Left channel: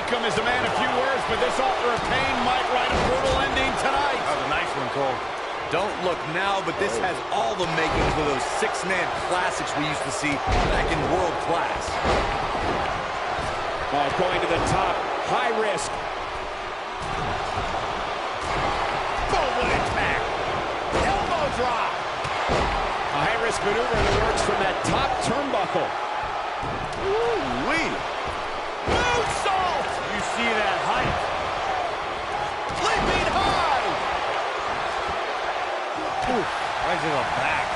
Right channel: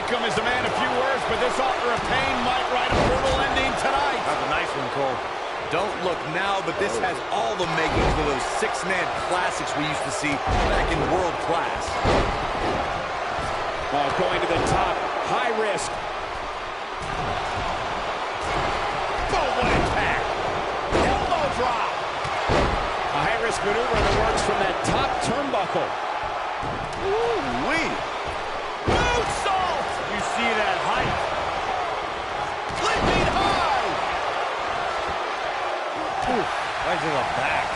Akam is a man of few words, but this author of pain might write a brutal ending tonight. That was a nice one, Cole. Don't look now, but this has all the makings of those six-man classics we used to see back in world class. Oh, going to the top. High risk. Boom, what attack. Elbow drop. A high-risk maneuver in the works from that top turnbuckle. Ooh-wee. Moonsault! You see that height. Leaping high! Ooh, right to the back.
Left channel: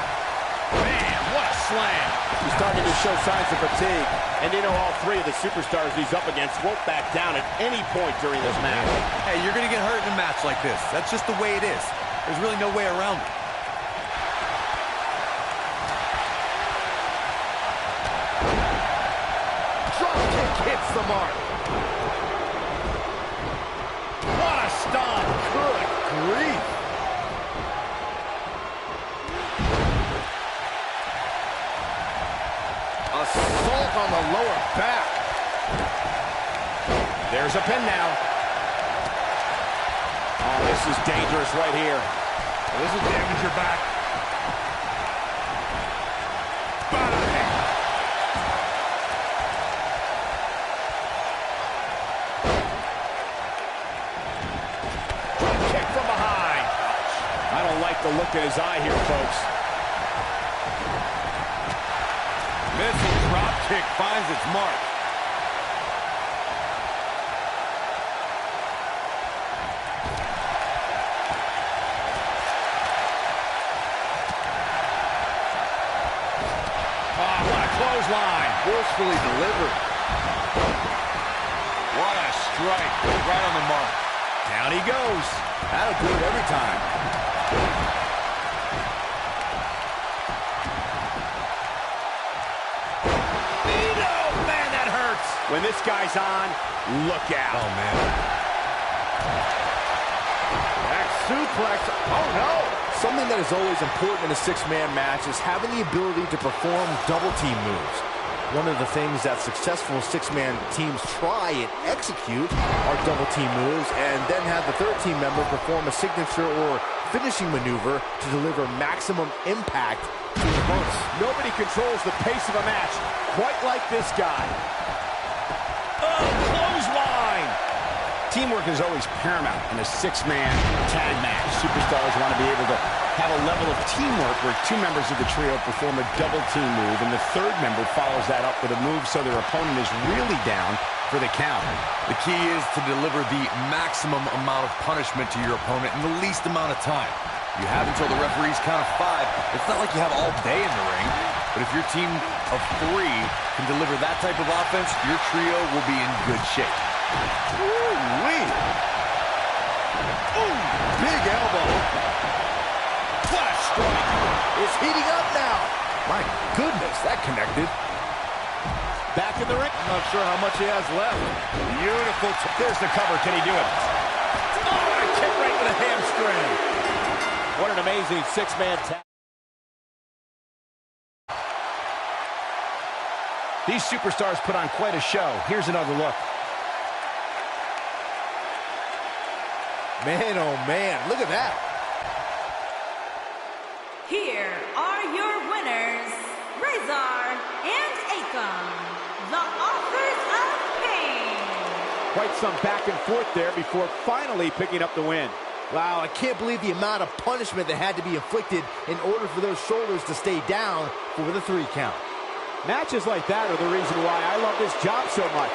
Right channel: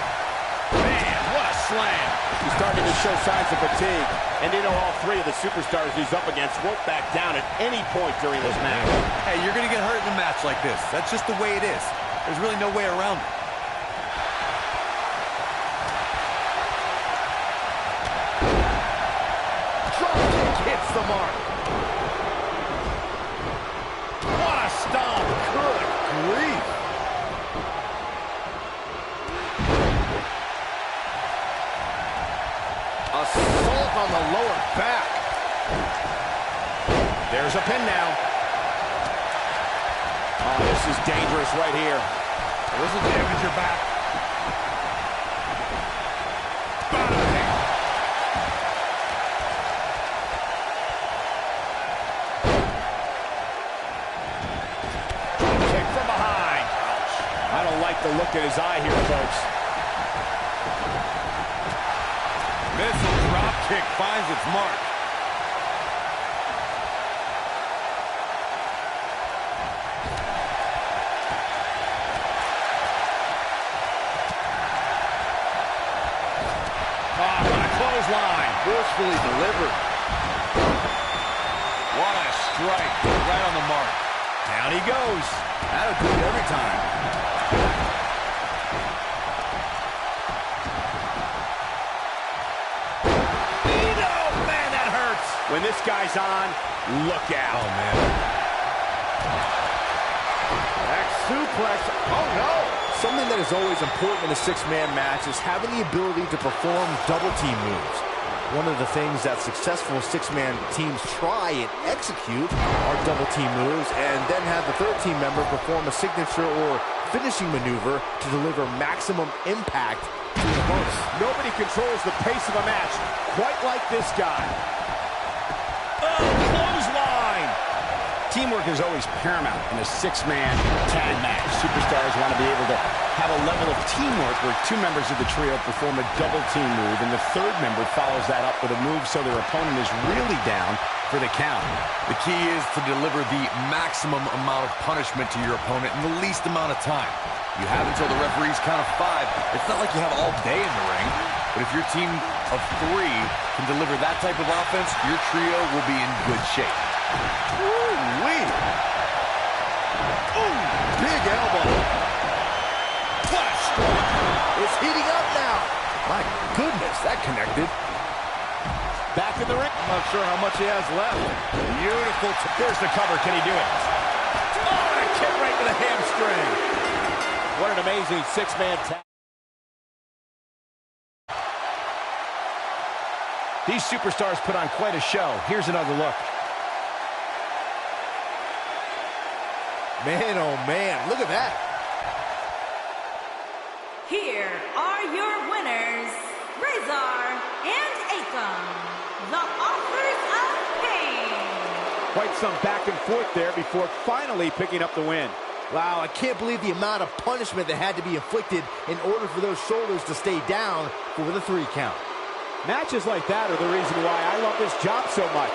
Man, what a slam! He's starting to show signs of fatigue. And you know all three of the superstars he's up against won't back down at any point during this match. Hey, you're going to get hurt in a match like this. That's just the way it is. There's really no way around it. Drop kick hits the mark. What a stomp. Good grief. Assault on the lower back. There's a pin now. Oh, this is dangerous right here. Well, this will damage your back. Bang! Drop kick from behind. Ouch. I don't like the look in his eye here, folks. Missile drop kick finds its mark. Oh, what a clothesline. Forcefully delivered. What a strike. Right on the mark. Down he goes. That'll do it every time. Man, that hurts. When this guy's on, look out. Oh, man. Back suplex. Oh, no. Something that is always important in a six-man match is having the ability to perform double-team moves. One of the things that successful six-man teams try and execute are double-team moves, and then have the third team member perform a signature or finishing maneuver to deliver maximum impact to the opponents. Nobody controls the pace of a match quite like this guy. Oh, clothesline. Teamwork is always paramount in a six-man tag match. Superstars want to be able to have a level of teamwork where two members of the trio perform a double-team move, and the third member follows that up with a move so their opponent is really down for the count. The key is to deliver the maximum amount of punishment to your opponent in the least amount of time. You have until the referee's count of 5. It's not like you have all day in the ring, but if your team of 3 can deliver that type of offense, your trio will be in good shape. Ooh-wee. Ooh, big elbow. What a strike. It's heating up now. My goodness, that connected. Back in the ring. I'm not sure how much he has left. Beautiful. There's the cover. Can he do it? Oh, and a kick right to the hamstring. What an amazing six-man tag. These superstars put on quite a show. Here's another look. Man, oh man, look at that. Here are your winners, Razor and Akam, the authors of pain. Quite some back and forth there before finally picking up the win. Wow, I can't believe the amount of punishment that had to be inflicted in order for those shoulders to stay down for the 3 count. Matches like that are the reason why I love this job so much.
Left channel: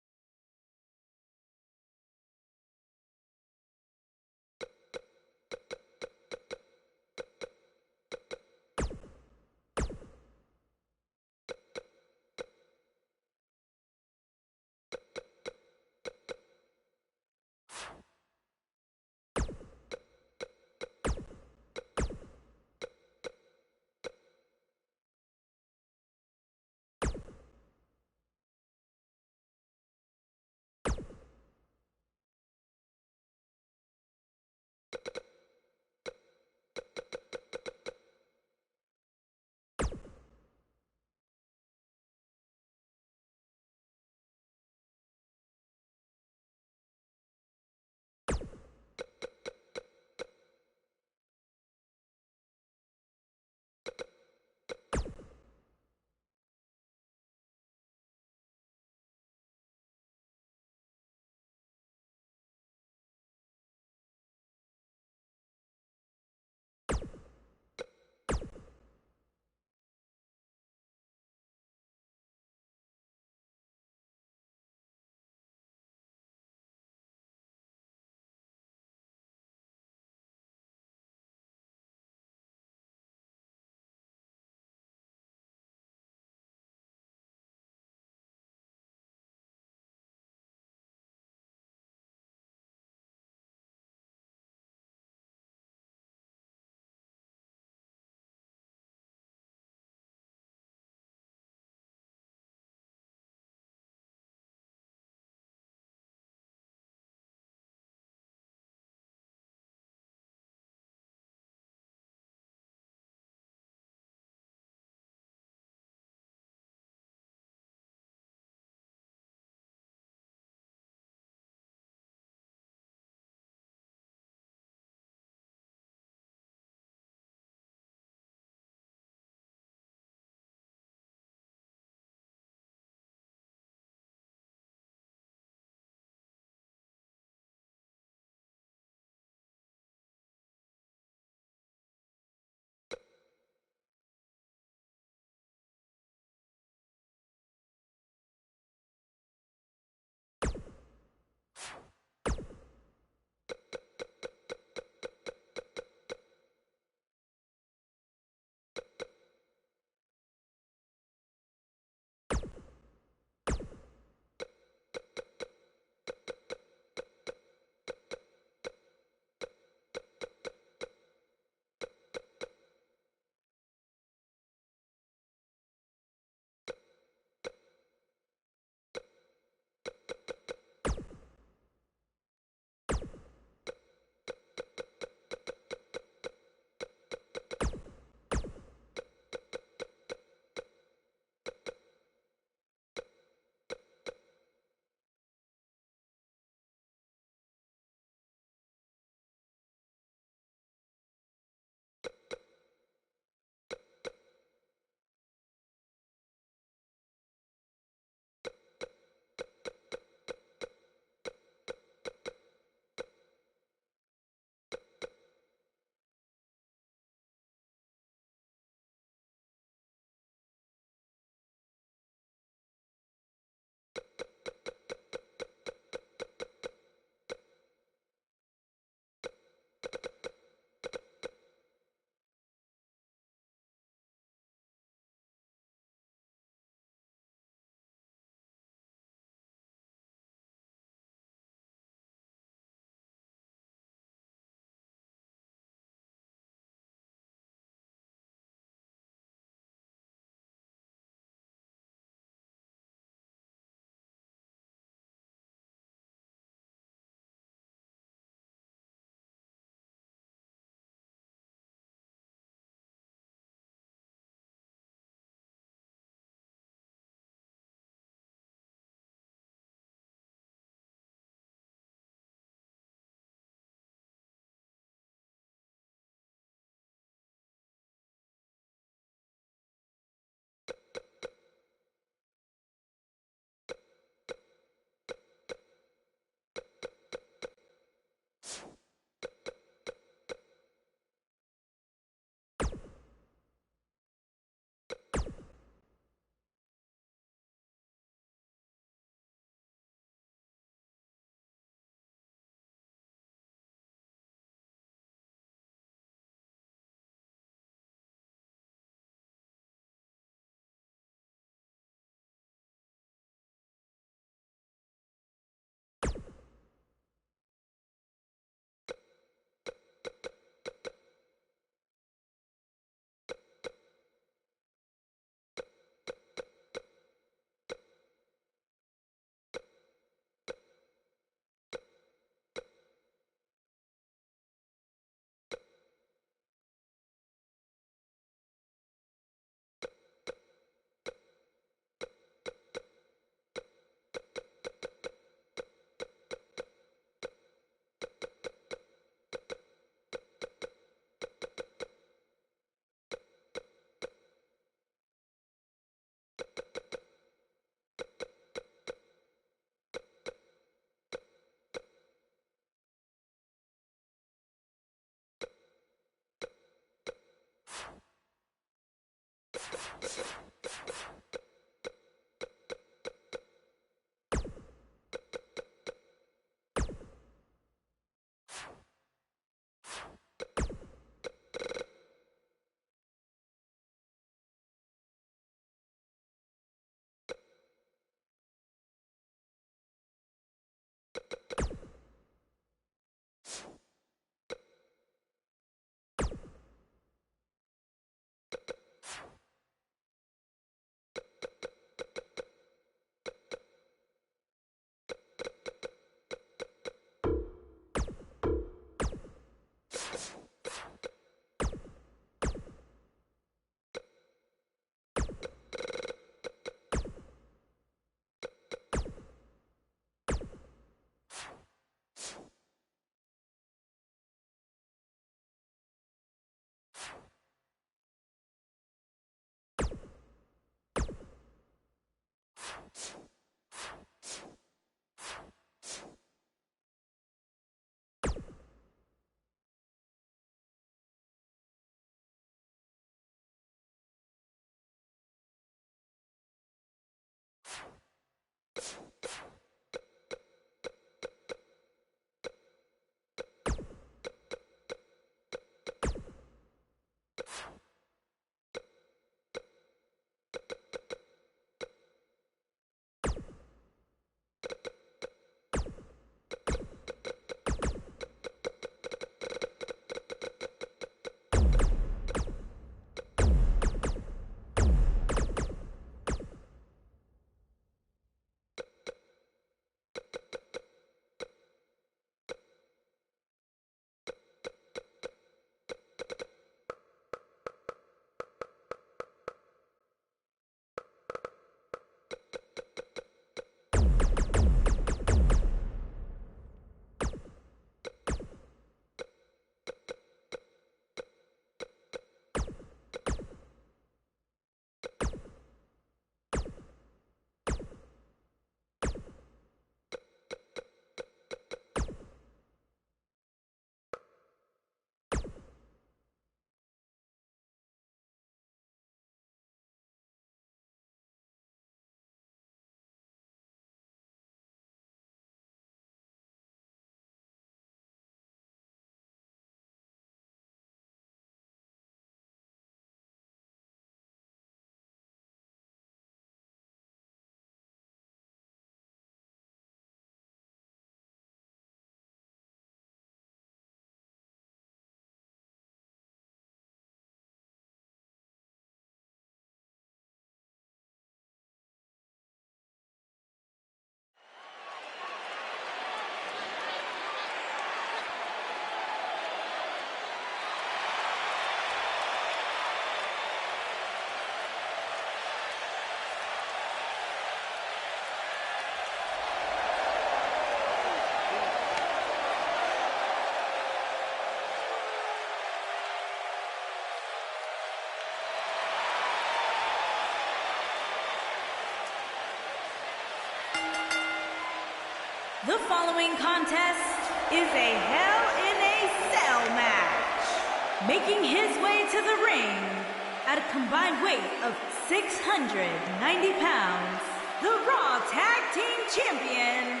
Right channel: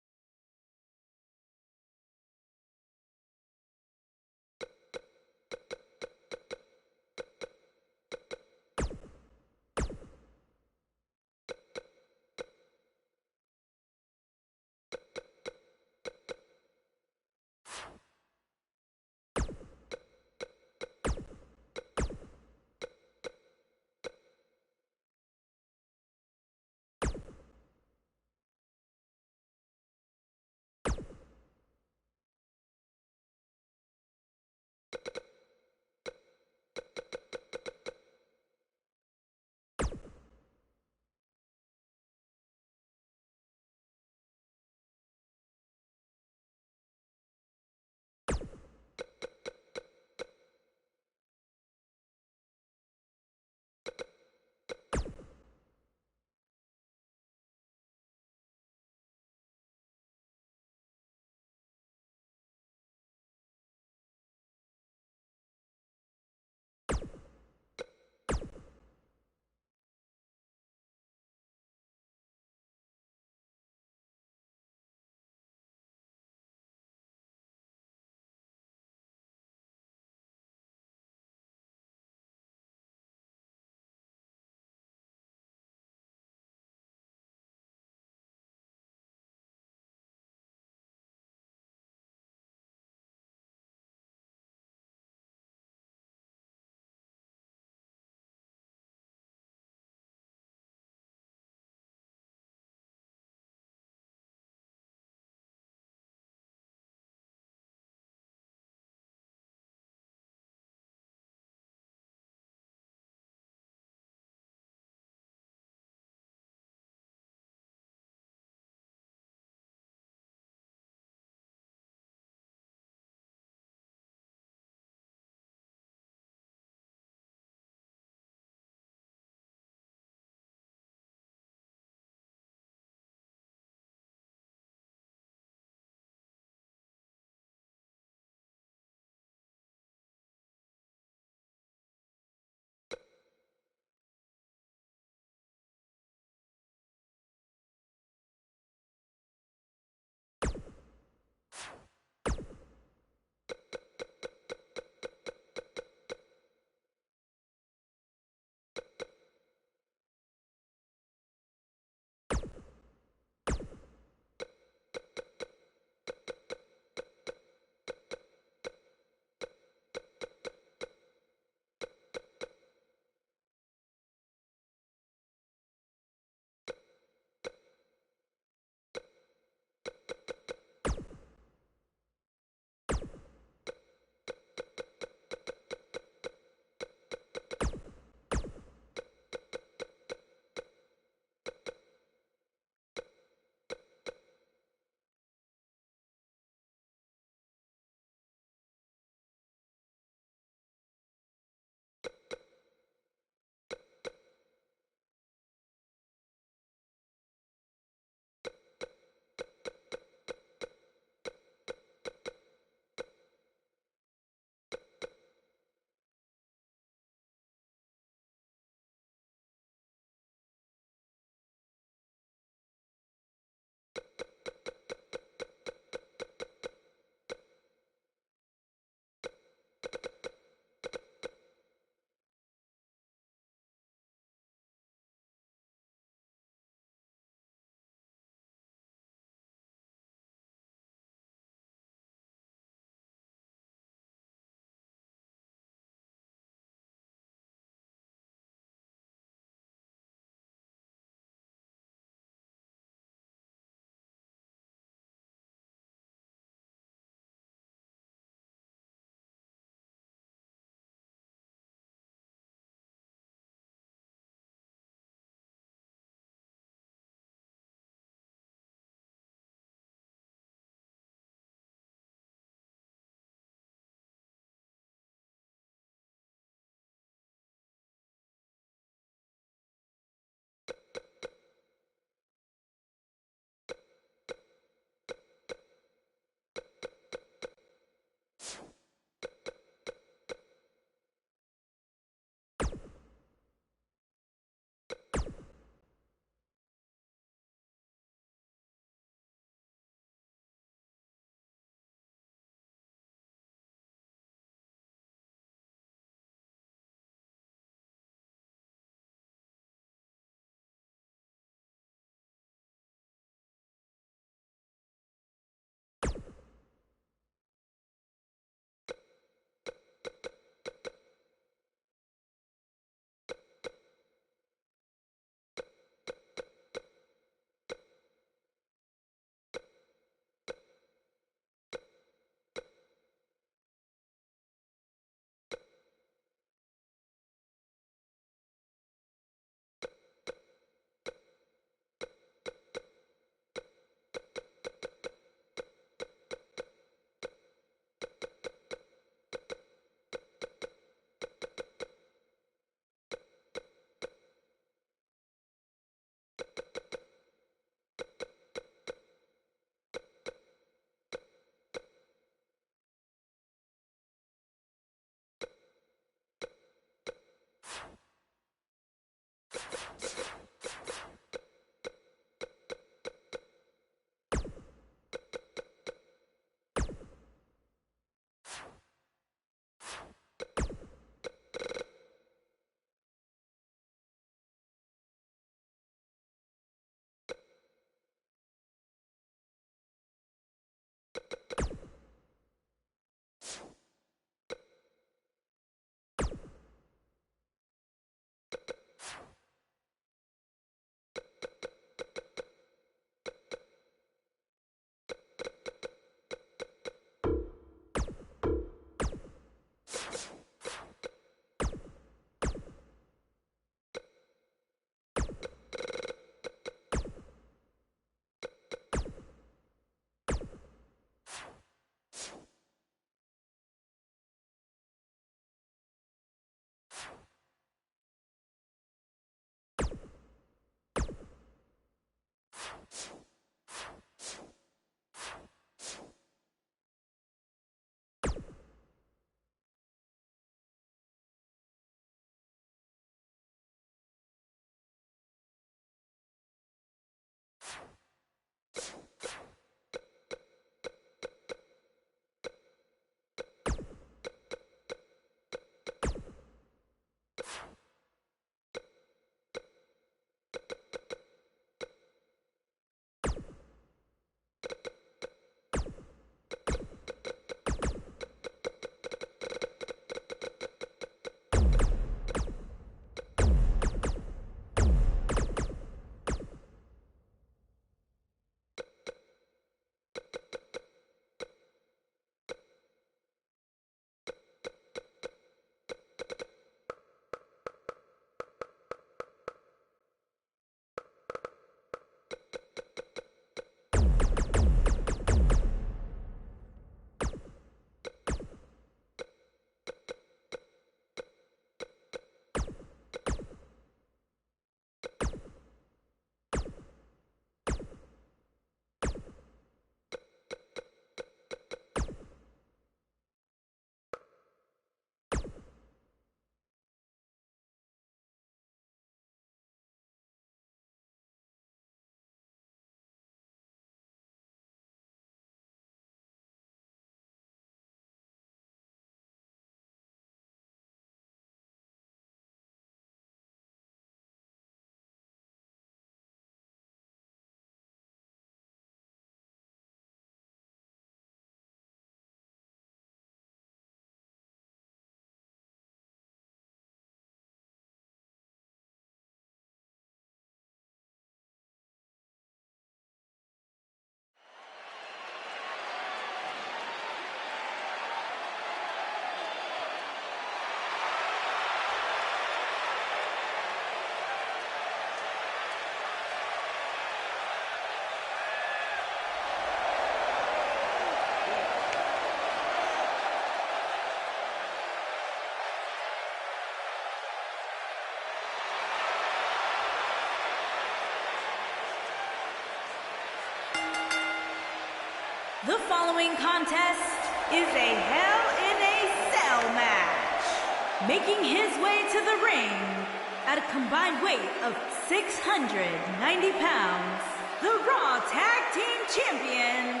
The following contest is a Hell in a Cell match. Making his way to the ring at a combined weight of 690 pounds, the Raw Tag Team Champions,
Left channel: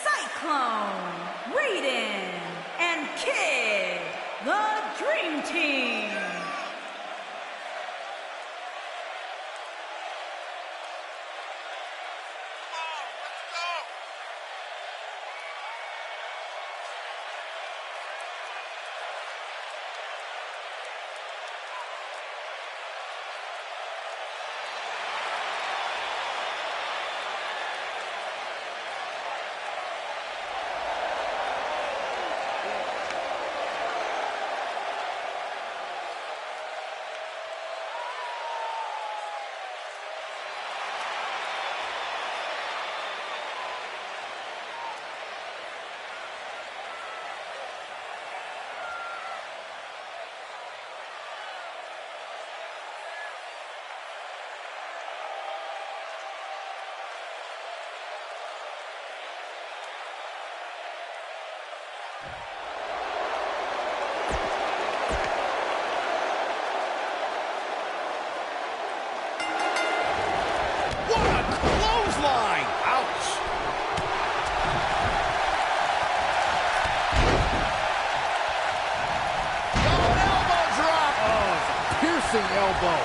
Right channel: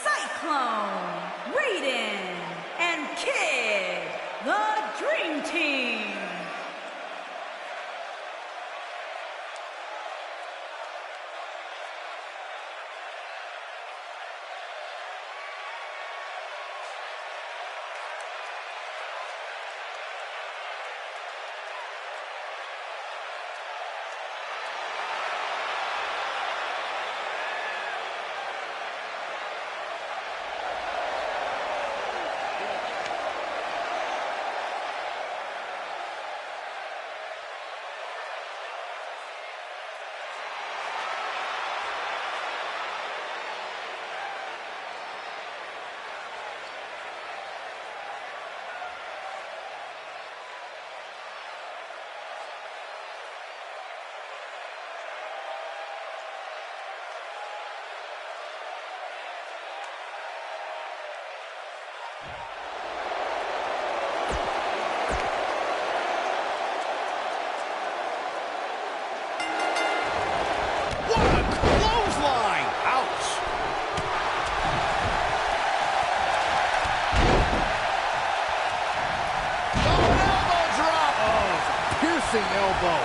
Cyclone, Raiden, and Kid, the Dream Team. Elbow.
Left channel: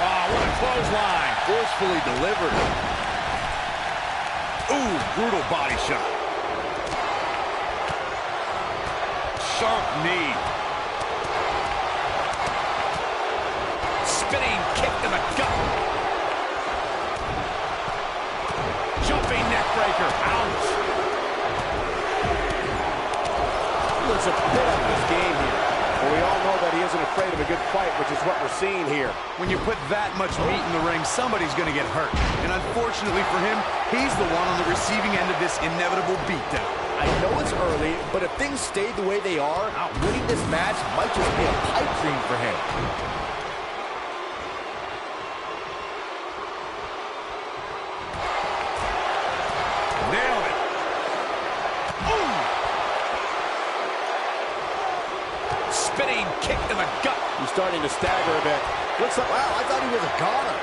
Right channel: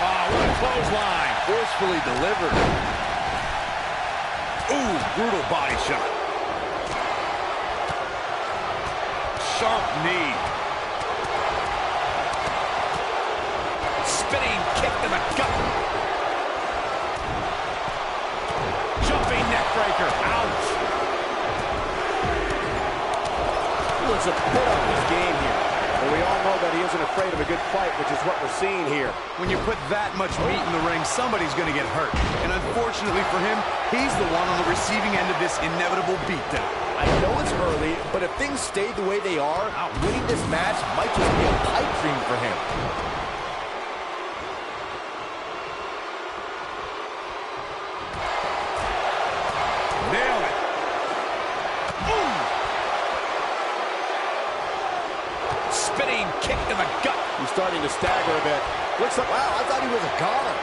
Oh, what a clothesline. Forcefully delivered. Ooh, brutal body shot. Sharp knee. Spinning kick to the gut. Jumping neck breaker. Ouch. He looks a bit up his game here. Well, we all know that he isn't afraid of a good fight, which is what we're seeing here. When you put that much meat in the ring, somebody's going to get hurt. And unfortunately for him, he's the one on the receiving end of this inevitable beatdown. I know it's early, but if things stay the way they are, winning this match might just be a pipe dream for him. Nailed it. Spinning kick to the gut. He's starting to stagger a bit. Looks like, wow, I thought he was a goner.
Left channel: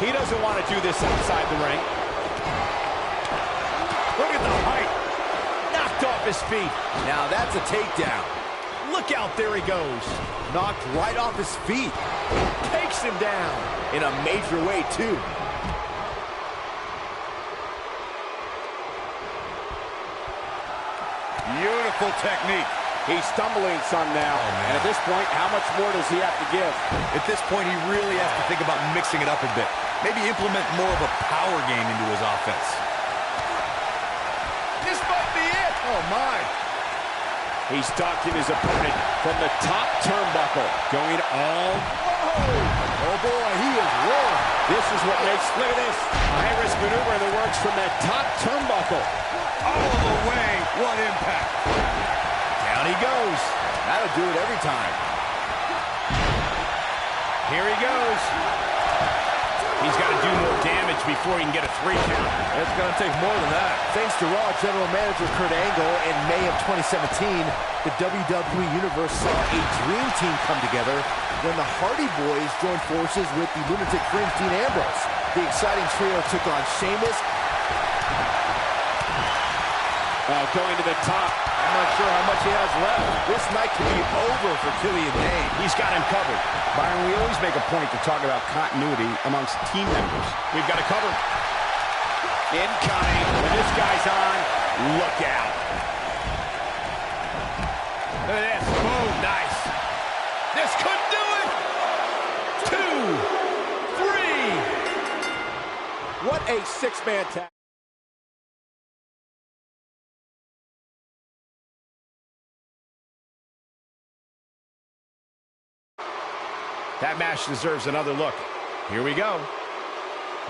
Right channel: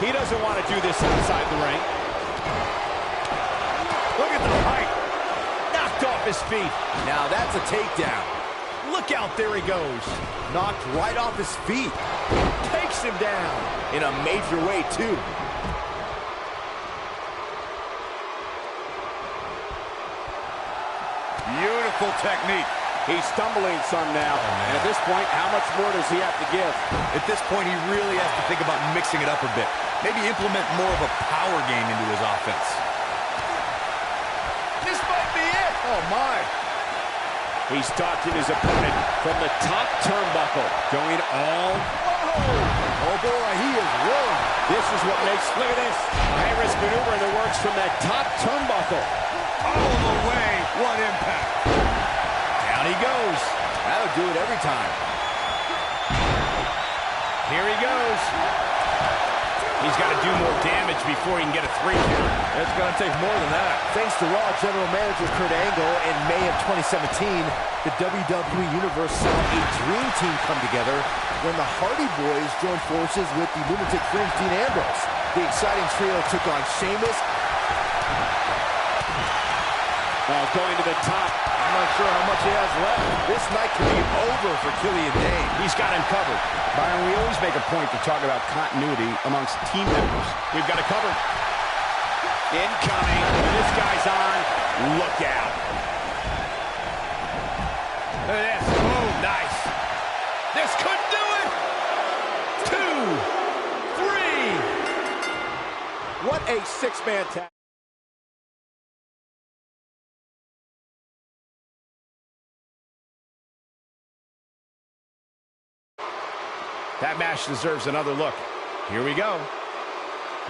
He doesn't want to do this outside the ring. Look at the height. Knocked off his feet. Now that's a takedown. Look out, there he goes. Knocked right off his feet. Takes him down. In a major way, too. Beautiful technique. He's stumbling some now. Oh, and at this point, how much more does he have to give? At this point, he really has to think about mixing it up a bit. Maybe implement more of a power game into his offense. This might be it. Oh, my. He's stalking his opponent from the top turnbuckle. Going all... Whoa! Oh, boy, he is rolling. This is what makes... Look at this. A high-risk maneuver in the works from that top turnbuckle. All the way. What impact. Down he goes. That'll do it every time. Here he goes. He's got to do more damage before he can get a 3 count. It's going to take more than that. Thanks to Raw General Manager Kurt Angle, in May of 2017, the WWE Universe saw a dream team come together when the Hardy Boys joined forces with the Lunatic Fringe Dean Ambrose. The exciting trio took on Sheamus. Going to the top. I'm not sure how much he has left. This night could be over for Killian Dane. He's got him covered. Byron, we always make a point to talk about continuity amongst team members. We've got to cover. Incoming. When this guy's on, look out. Look at this. Boom. Nice. This could do it. 2, 3. What a six-man tag. That match deserves another look. Here we go.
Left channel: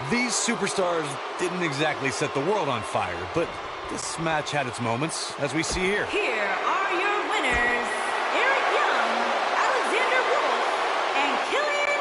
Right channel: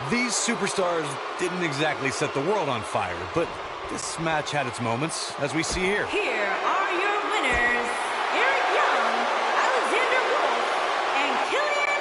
These superstars didn't exactly set the world on fire, but this match had its moments, as we see here. Here are your winners, Eric Young, Alexander Wolf, and Killian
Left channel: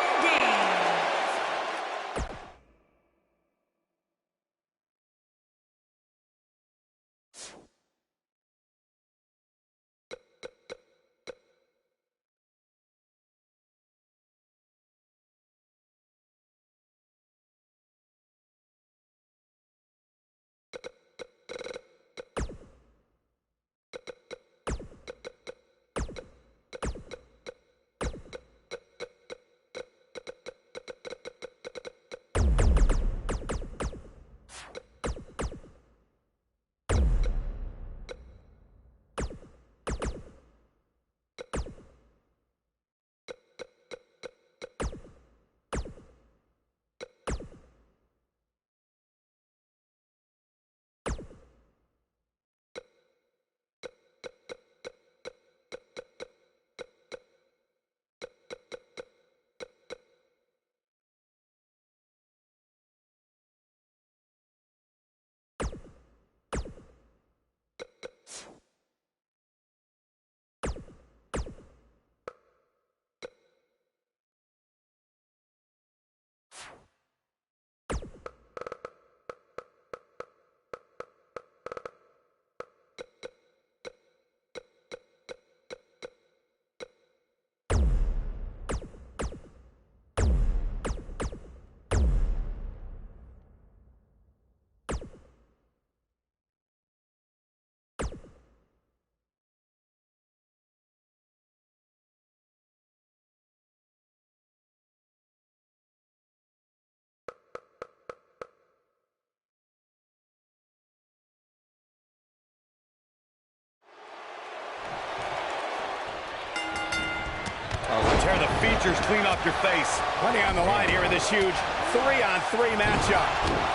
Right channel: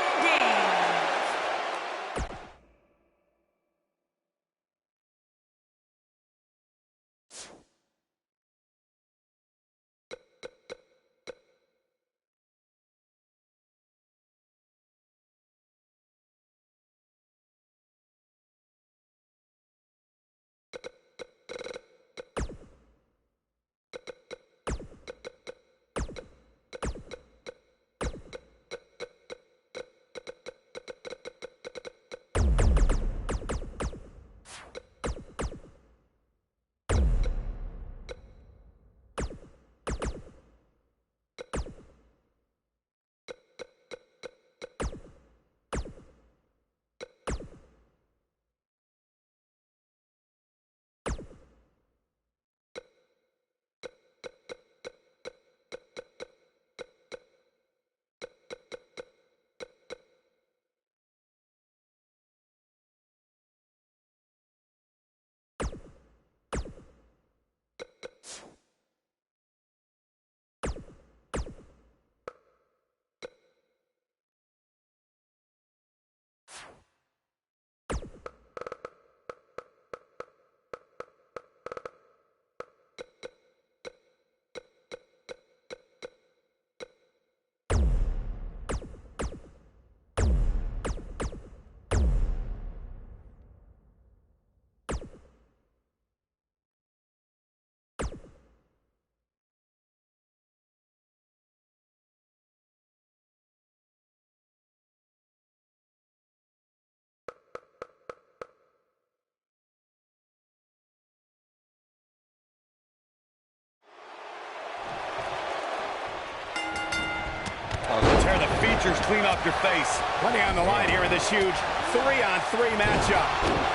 Tear the features clean off your face. Plenty on the line here in this huge 3-on-3 matchup.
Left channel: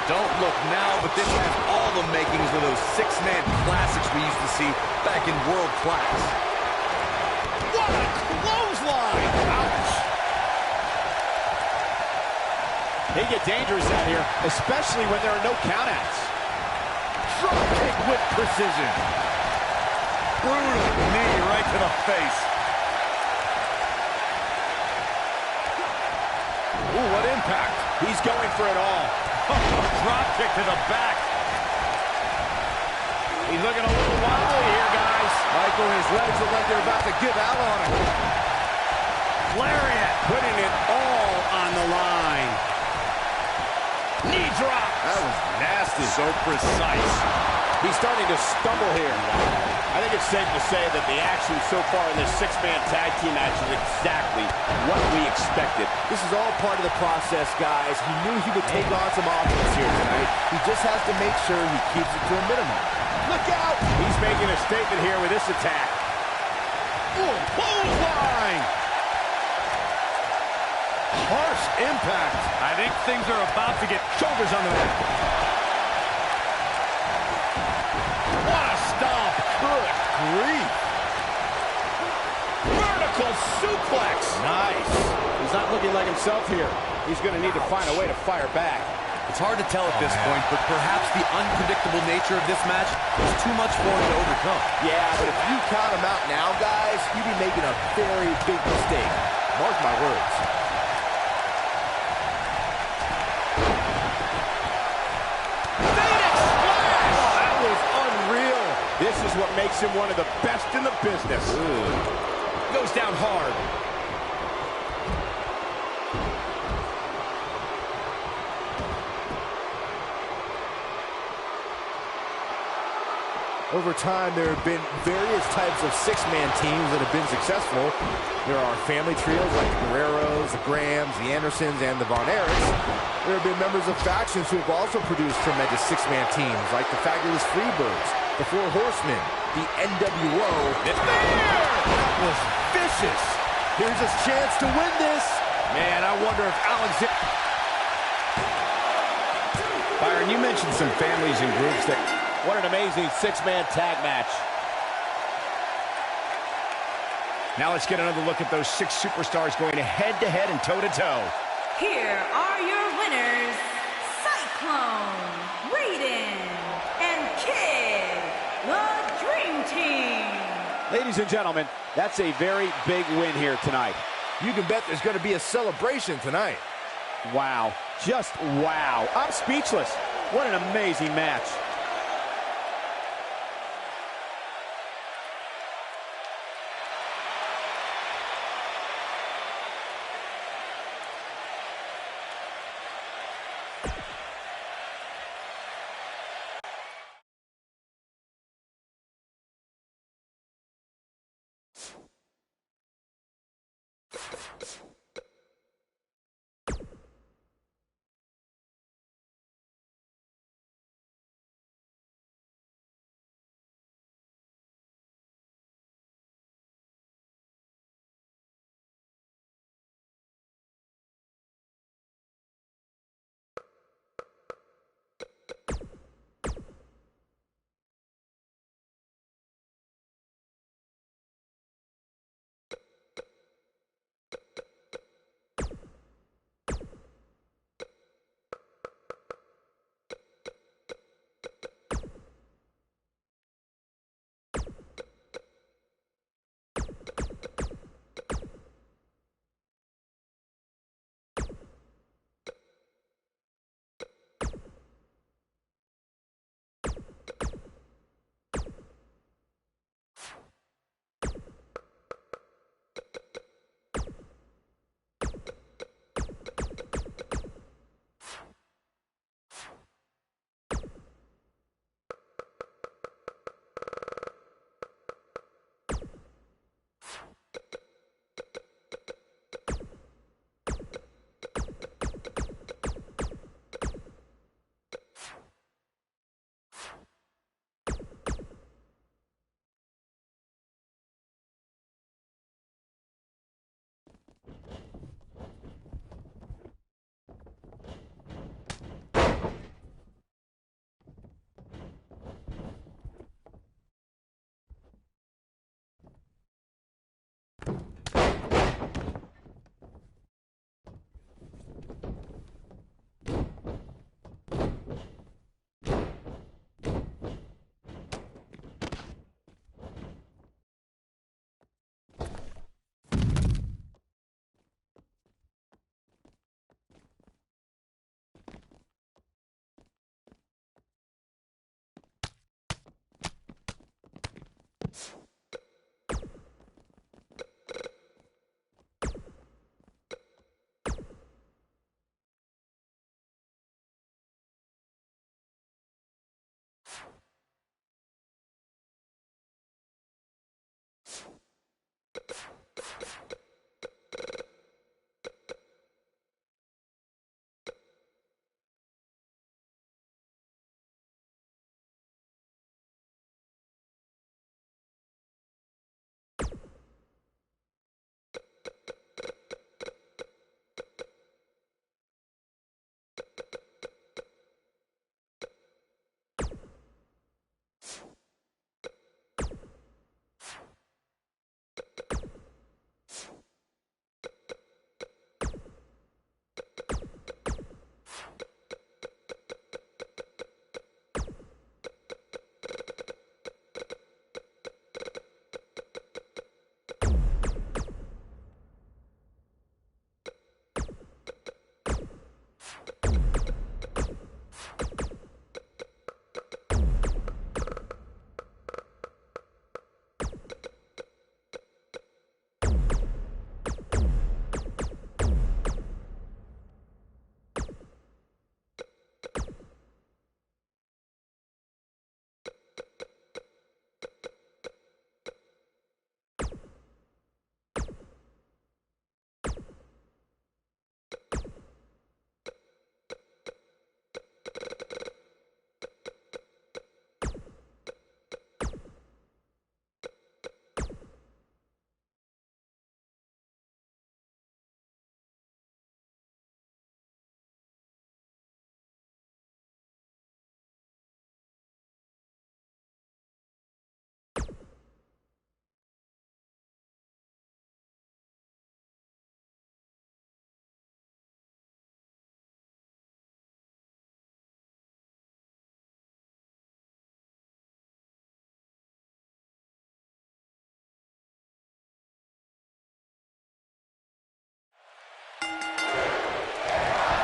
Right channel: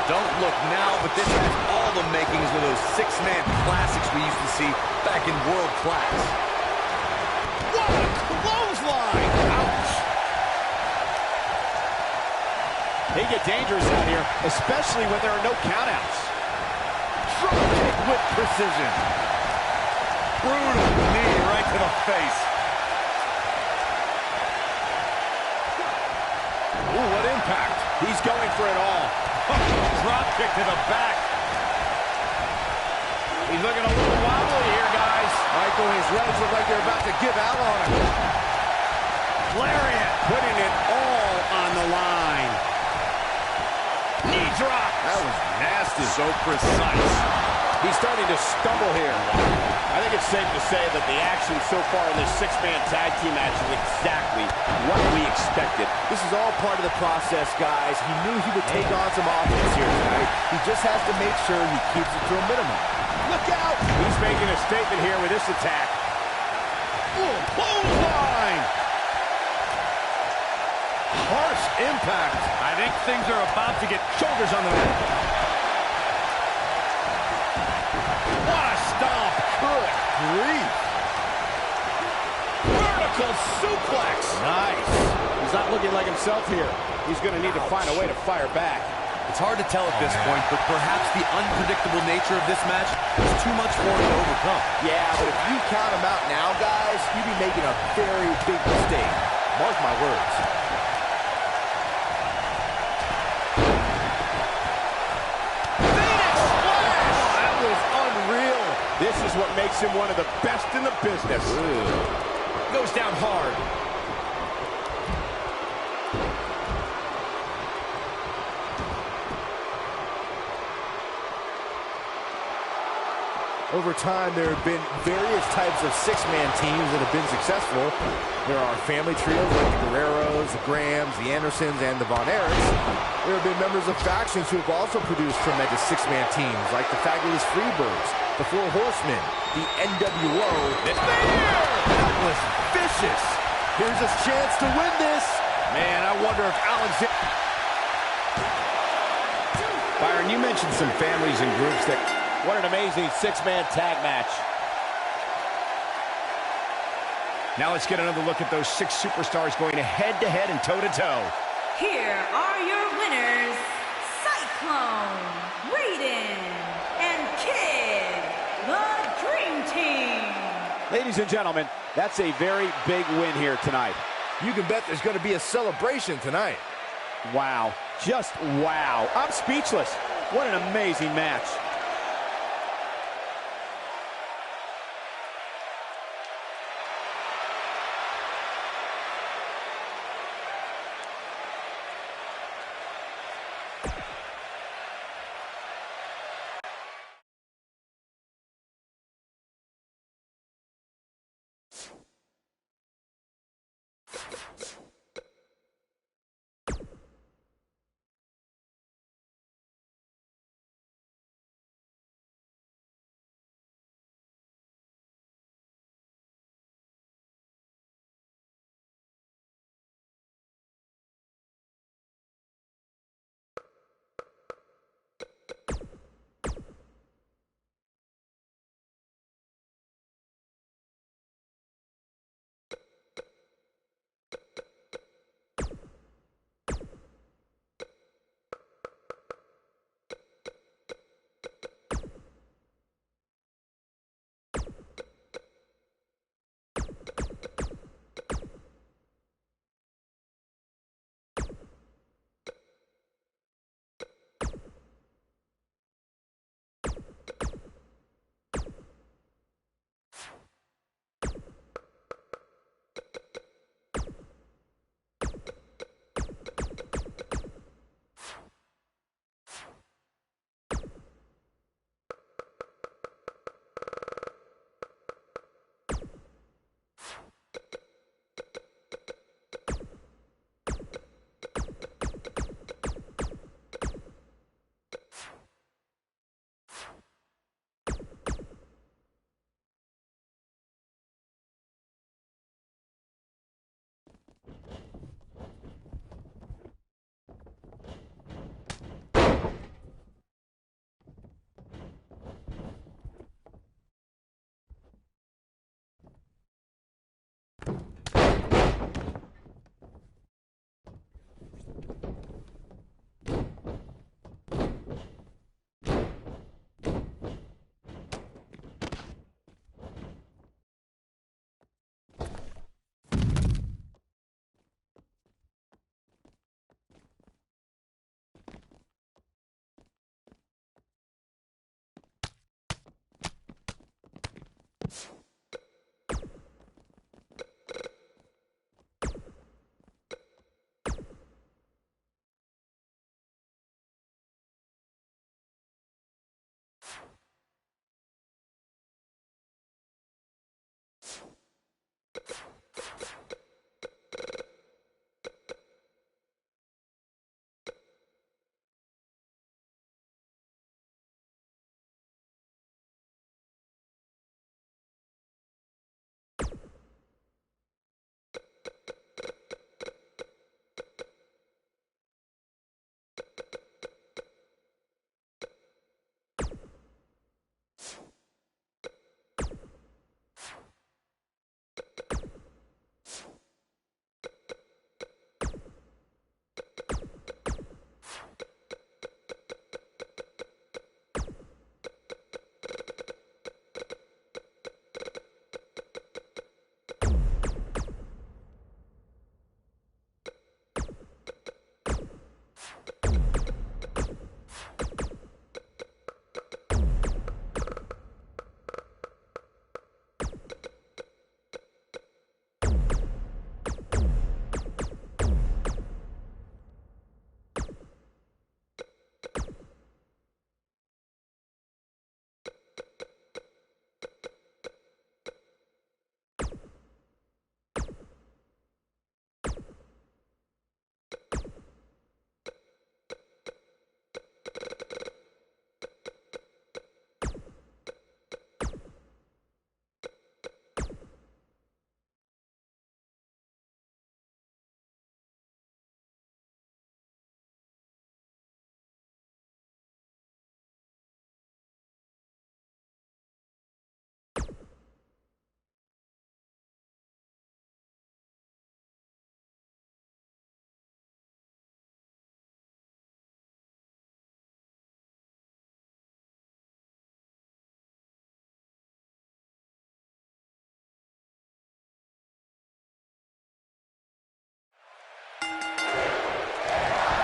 Don't look now, but this has all the makings of those six-man classics we used to see back in World Class. What a clothesline! Ouch! They get dangerous out here, especially when there are no countouts. Drop kick with precision. Brutal knee right to the face. Ooh, what impact. He's going for it all. Drop kick to the back. He's looking a little wobbly here, guys. Michael, his legs look like they're about to give out on him. Lariat, putting it all on the line. Knee drop. That was nasty. So precise. He's starting to stumble here. I think it's safe to say that the action so far in this six-man tag team match is exactly what we expected. This is all part of the process, guys. He knew he would take on some offense here tonight. He just has to make sure he keeps it to a minimum. Look out! He's making a statement here with this attack. Ooh, clothesline! Harsh impact. I think things are about to get Shoulders on the mat. What a stomp! Good grief! Vertical suplex! Nice. He's not looking like himself here. He's going to need to find a way to fire back. It's hard to tell at this point, but perhaps the unpredictable nature of this match is too much for him to overcome. Yeah, but if you count him out now, guys, you'd be making a very big mistake. Mark my words. Phoenix Splash! Oh, that was unreal. This is what makes him one of the best in the business. Goes down hard. Over time, there have been various types of six-man teams that have been successful. There are family trios like the Guerreros, the Grahams, the Andersons, and the Von Erichs. There have been members of factions who have also produced tremendous six-man teams, like the Fabulous Freebirds, the Four Horsemen, the NWO. It's there! That was vicious. Here's his chance to win this. Man, I wonder if Alexander... Byron, you mentioned some families and groups that... What an amazing six-man tag match. Now let's get another look at those six superstars going head-to-head and toe-to-toe. Here are your winners, Cyclone, Raiden, and Kid, the Dream Team. Ladies and gentlemen, that's a very big win here tonight. You can bet there's going to be a celebration tonight. Wow. Just wow. I'm speechless. What an amazing match.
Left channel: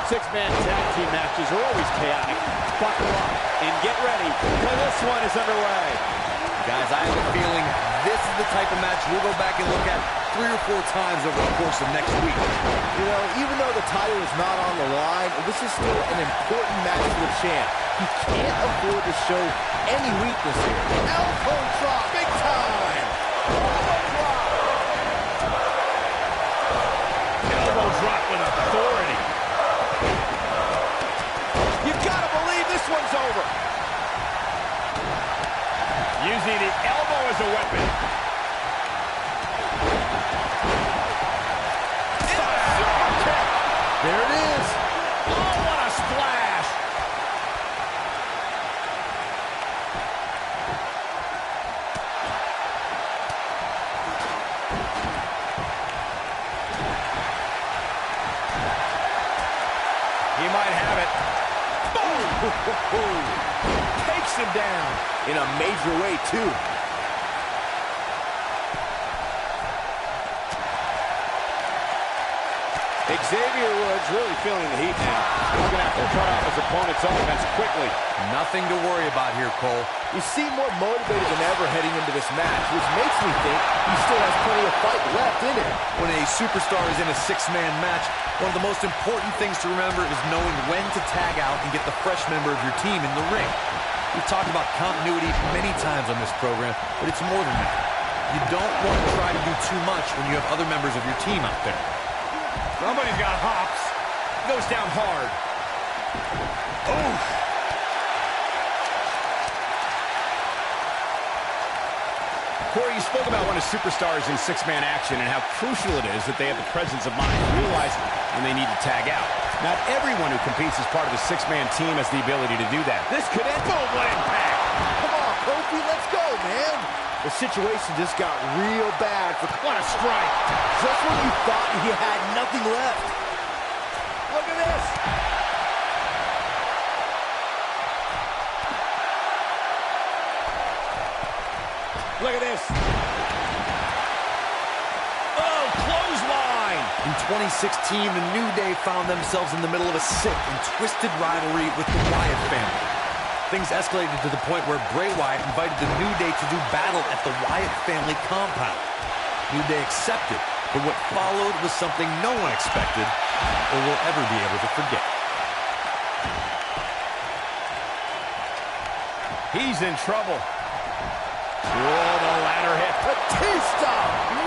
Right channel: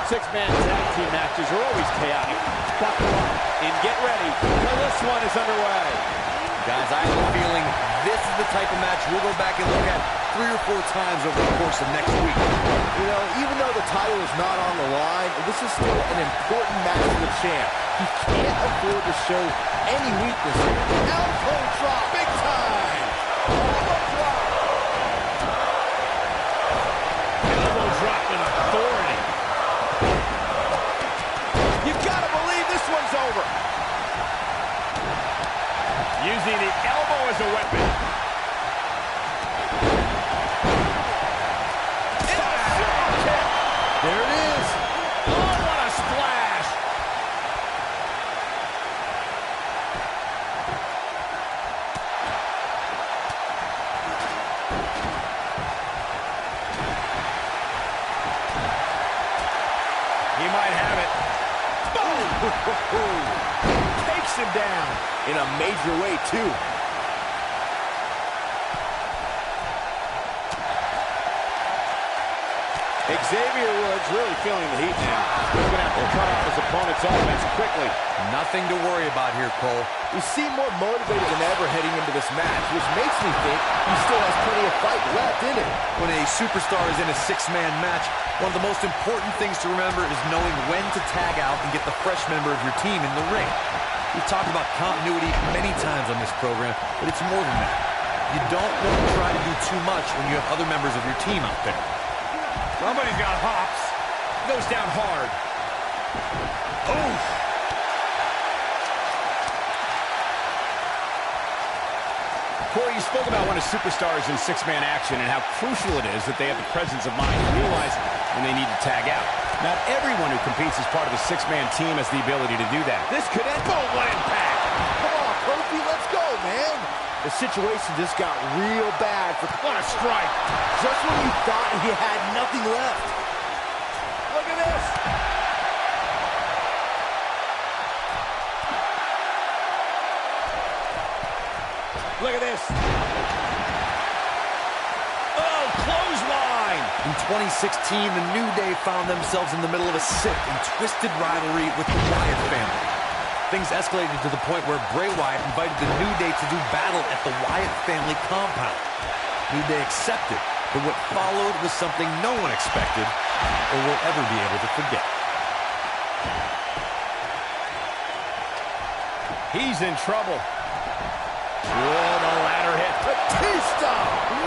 Six-man tag team matches are always chaotic. Buckle up and get ready, because this one is underway. Guys, I have a feeling this is the type of match we'll go back and look at 3 or 4 times over the course of next week. You know, even though the title is not on the line, this is still an important match for the champ. He can't afford to show any weakness here. Elbow drop, big time. Elbow drop. Elbow drop with authority. You gotta believe this one's over. Using the elbow as a weapon. Super kick. There it is. Oh, what a splash. He might have it. Boom! Takes him down. In a major way, too. Xavier Woods really feeling the heat now. He's going to have to cut off his opponent's offense quickly. Nothing to worry about here, Cole. You seem more motivated than ever heading into this match, which makes me think he still has plenty of fight left in him. When a superstar is in a 6-man match, one of the most important things to remember is knowing when to tag out and get the fresh member of your team in the ring. We've talked about continuity many times on this program, but it's more than that. You don't want to try to do too much when you have other members of your team out there. Somebody's got hops. Goes down hard. Oof. Corey, you spoke about when a superstar is in 6-man action and how crucial it is that they have the presence of mind to realize when they need to tag out. Not everyone who competes as part of a 6-man team has the ability to do that. This could end. Boom, what impact. Come on, Kofi, let's go, man. The situation just got real bad for... What a strike. Just when you thought he had nothing left. Look at this. Look at this. Oh, clothesline. In 2016, the New Day found themselves in the middle of a sick and twisted rivalry with the Wyatt family. Things escalated to the point where Bray Wyatt invited the New Day to do battle at the Wyatt family compound. New Day accepted, but what followed was something no one expected or will ever be able to forget. He's in trouble. Whoa, the ladder hit. Batista!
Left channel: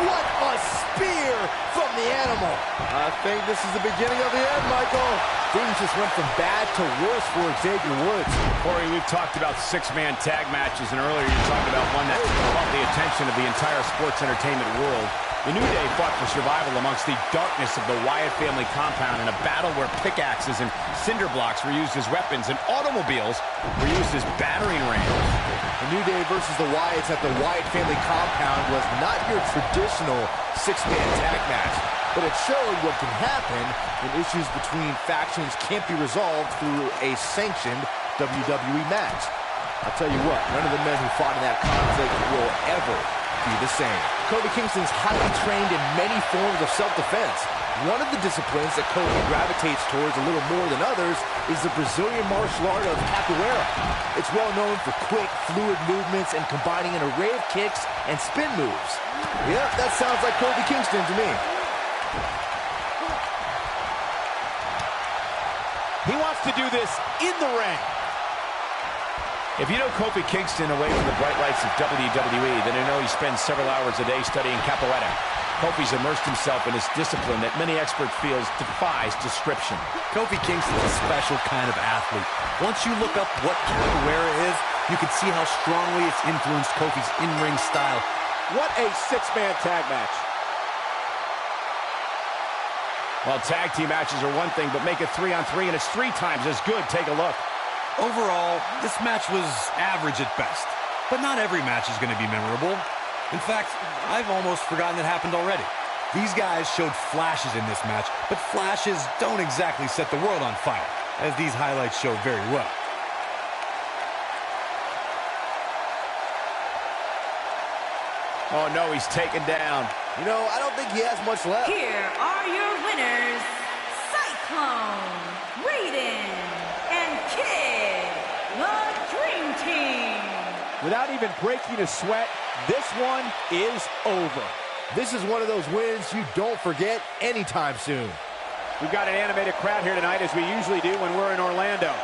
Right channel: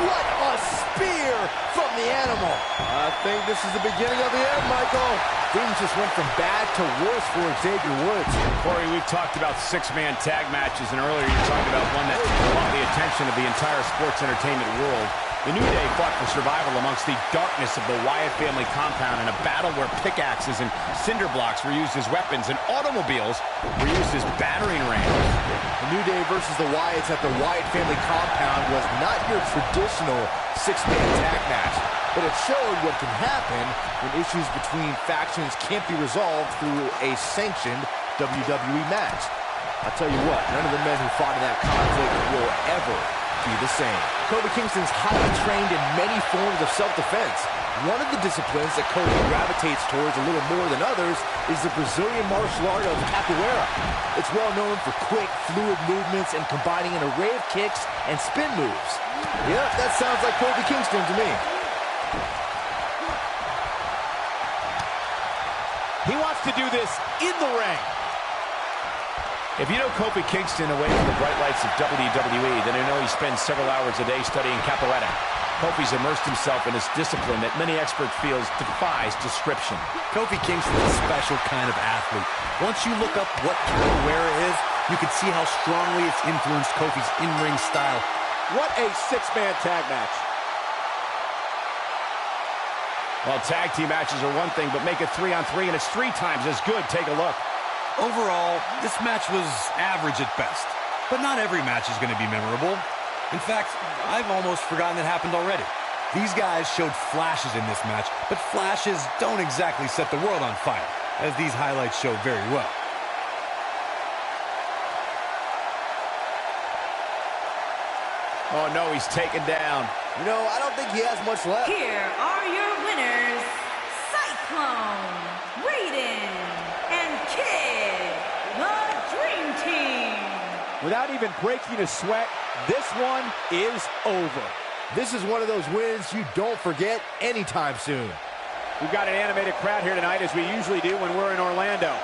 What a spear from the animal. I think this is the beginning of the end, Michael. Things just went from bad to worse for Xavier Woods. Corey, we've talked about 6-man tag matches, and earlier you talked about one that caught the attention of the entire sports entertainment world. The New Day fought for survival amongst the darkness of the Wyatt family compound in a battle where pickaxes and cinder blocks were used as weapons and automobiles were used as battering rams. The New Day versus the Wyatts at the Wyatt family compound was not your traditional 6-man tag match, but it showed what can happen when issues between factions can't be resolved through a sanctioned WWE match. I'll tell you what, none of the men who fought in that conflict will ever be the same. Kofi Kingston's highly trained in many forms of self-defense. One of the disciplines that Kofi gravitates towards a little more than others is the Brazilian martial art of capoeira. It's well known for quick, fluid movements and combining an array of kicks and spin moves. Yep, that sounds like Kofi Kingston to me. He wants to do this in the ring. If you know Kofi Kingston away from the bright lights of WWE, then you know he spends several hours a day studying capoeira. Kofi's immersed himself in this discipline that many experts feel defies description. Kofi Kingston's a special kind of athlete. Once you look up what capoeira is, you can see how strongly it's influenced Kofi's in-ring style. What a 6-man tag match. Well, tag team matches are one thing, but make it 3-on-3 and it's 3 times as good. Take a look. Overall, this match was average at best. But not every match is going to be memorable. In fact, I've almost forgotten it happened already. These guys showed flashes in this match, but flashes don't exactly set the world on fire, as these highlights show very well. Oh, no, he's taken down. You know, I don't think he has much left. Here are your winners, Cyclone, Raiden, and Kid, the Dream Team. Without even breaking a sweat, this one is over. This is one of those wins you don't forget anytime soon. We've got an animated crowd here tonight, as we usually do when we're in Orlando.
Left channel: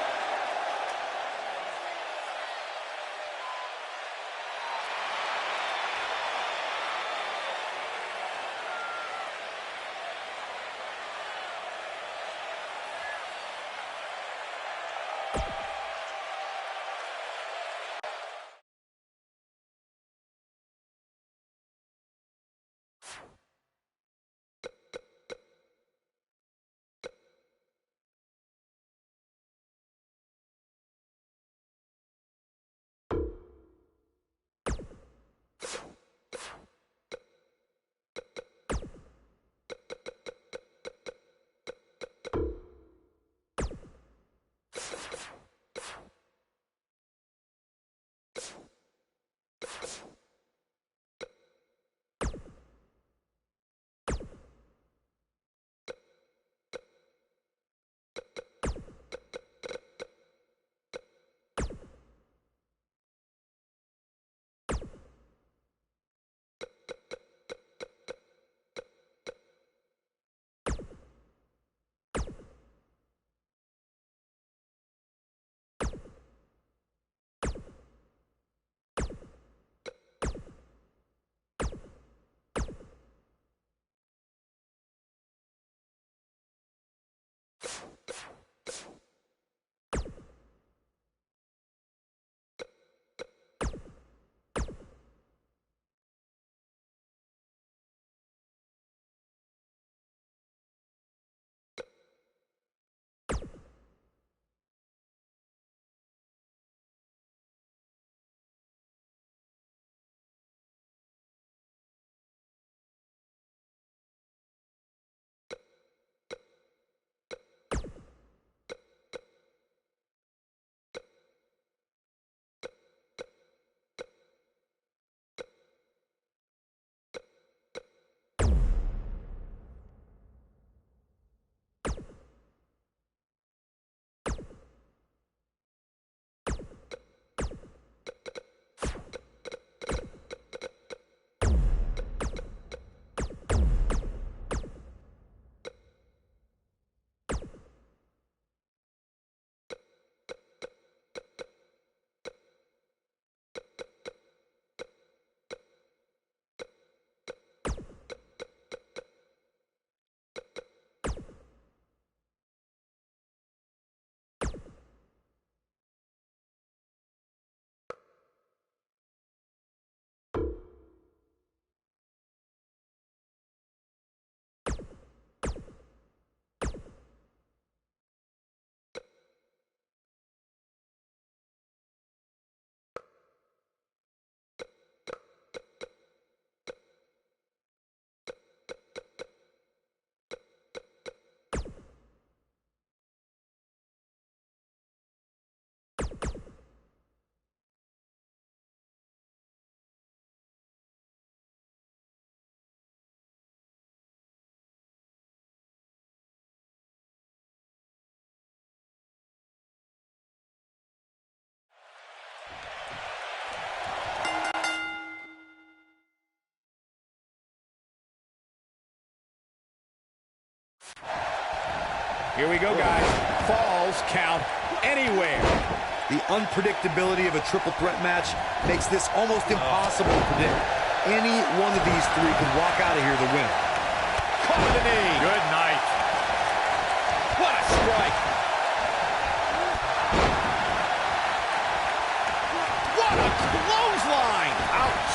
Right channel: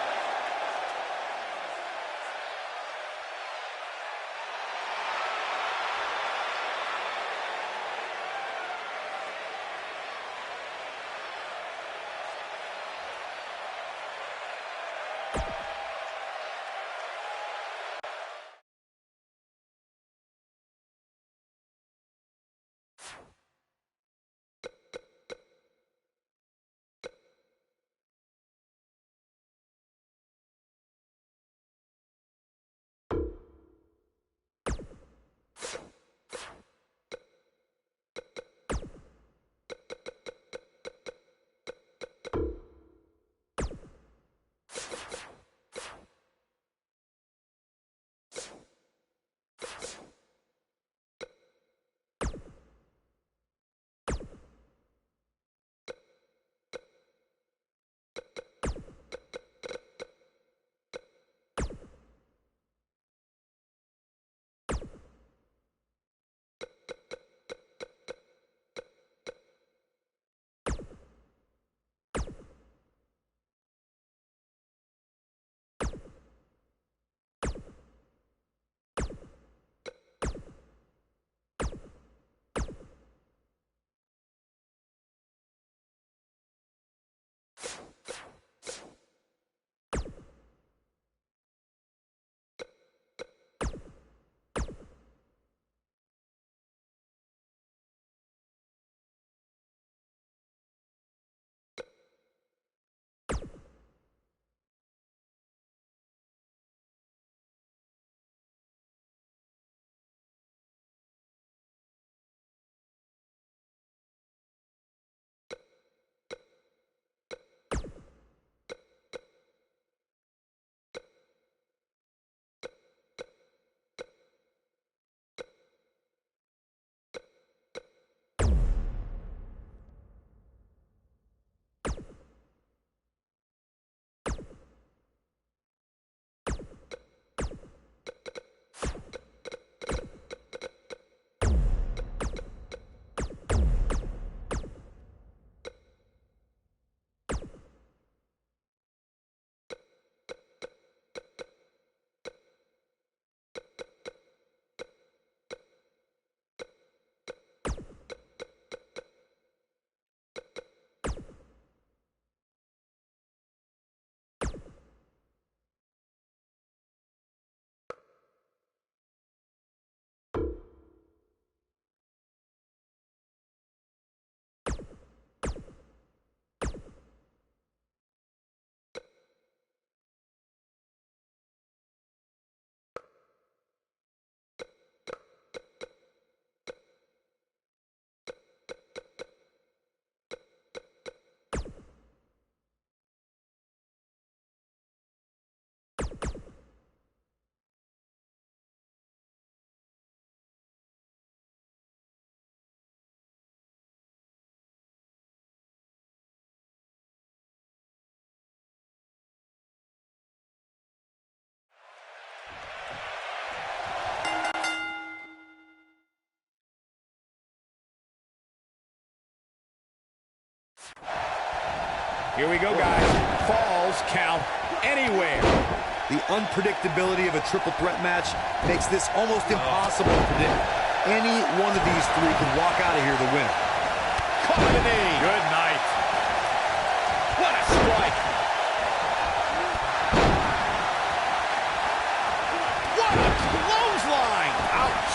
Here we go, guys. Falls count anywhere. The unpredictability of a triple threat match makes this almost impossible to predict. Any one of these three could walk out of here the winner. Caught the knee. Good night. What a strike. What a clothesline. Ouch.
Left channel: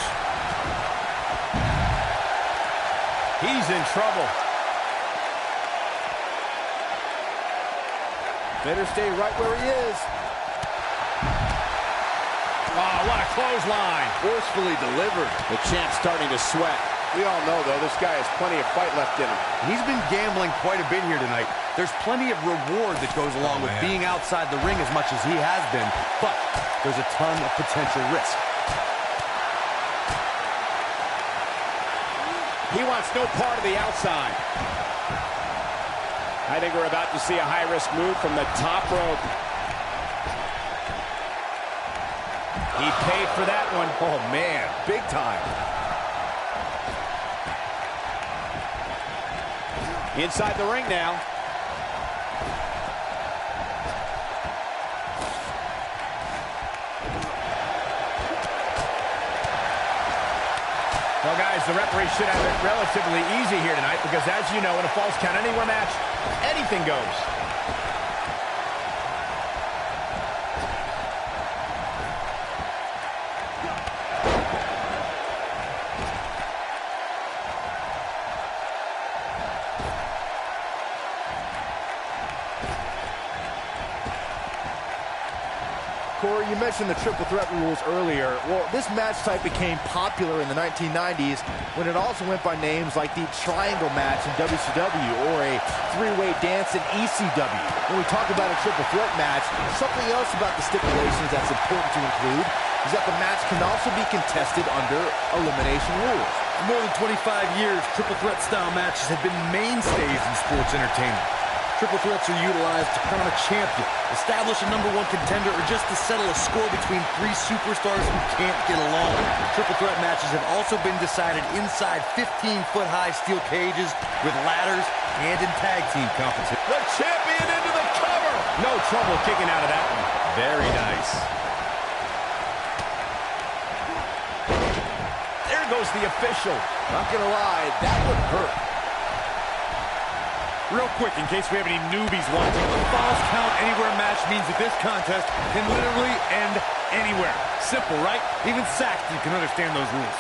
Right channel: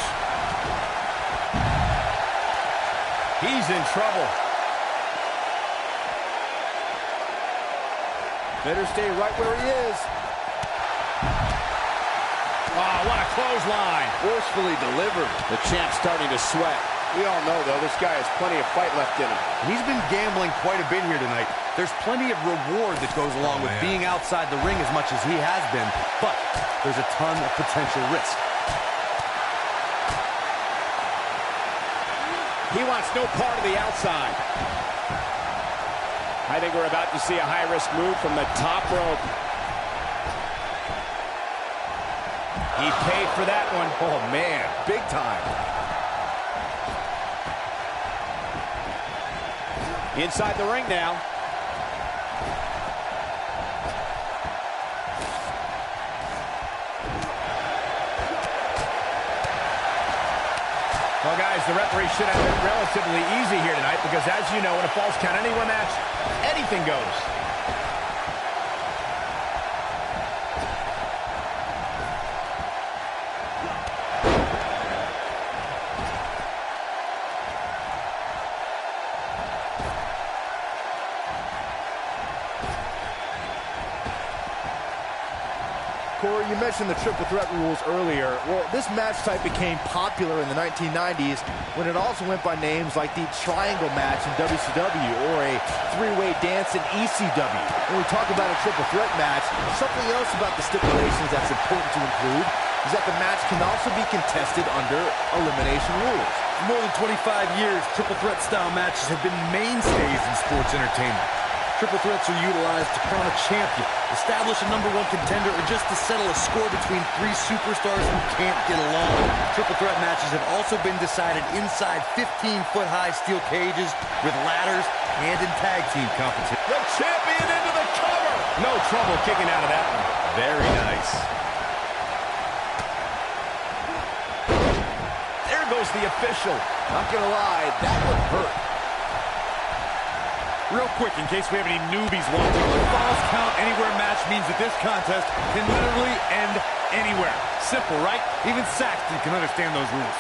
He's in trouble. Better stay right where he is. Oh, what a clothesline. Forcefully delivered. The champ's starting to sweat. We all know, though, this guy has plenty of fight left in him. He's been gambling quite a bit here tonight. There's plenty of reward that goes along with being outside the ring as much as he has been, but there's a ton of potential risk. He wants no part of the outside. I think we're about to see a high-risk move from the top rope. He paid for that one. Oh, man, big time. Inside the ring now. Well, guys, the referee should have it relatively easy here tonight because, as you know, in a Falls Count Anywhere match, anything goes. Corey, you mentioned the triple threat rules earlier. Well, this match type became popular in the 1990s when it also went by names like the triangle match in WCW or a three-way dance in ECW. When we talk about a triple threat match, something else about the stipulations that's important to include is that the match can also be contested under elimination rules. For more than 25 years, triple threat style matches have been mainstays in sports entertainment. Triple threats are utilized to crown a champion, establish a #1 contender, or just to settle a score between three superstars who can't get along. Triple threat matches have also been decided inside 15-foot-high steel cages with ladders and in tag team competition. The champion into the cover. No trouble kicking out of that one. Very nice. There goes the official. Not gonna lie, that would hurt. Real quick, in case we have any newbies watching, a Falls Count Anywhere match means that this contest can literally end anywhere. Simple, right? Even Saxton can understand those rules.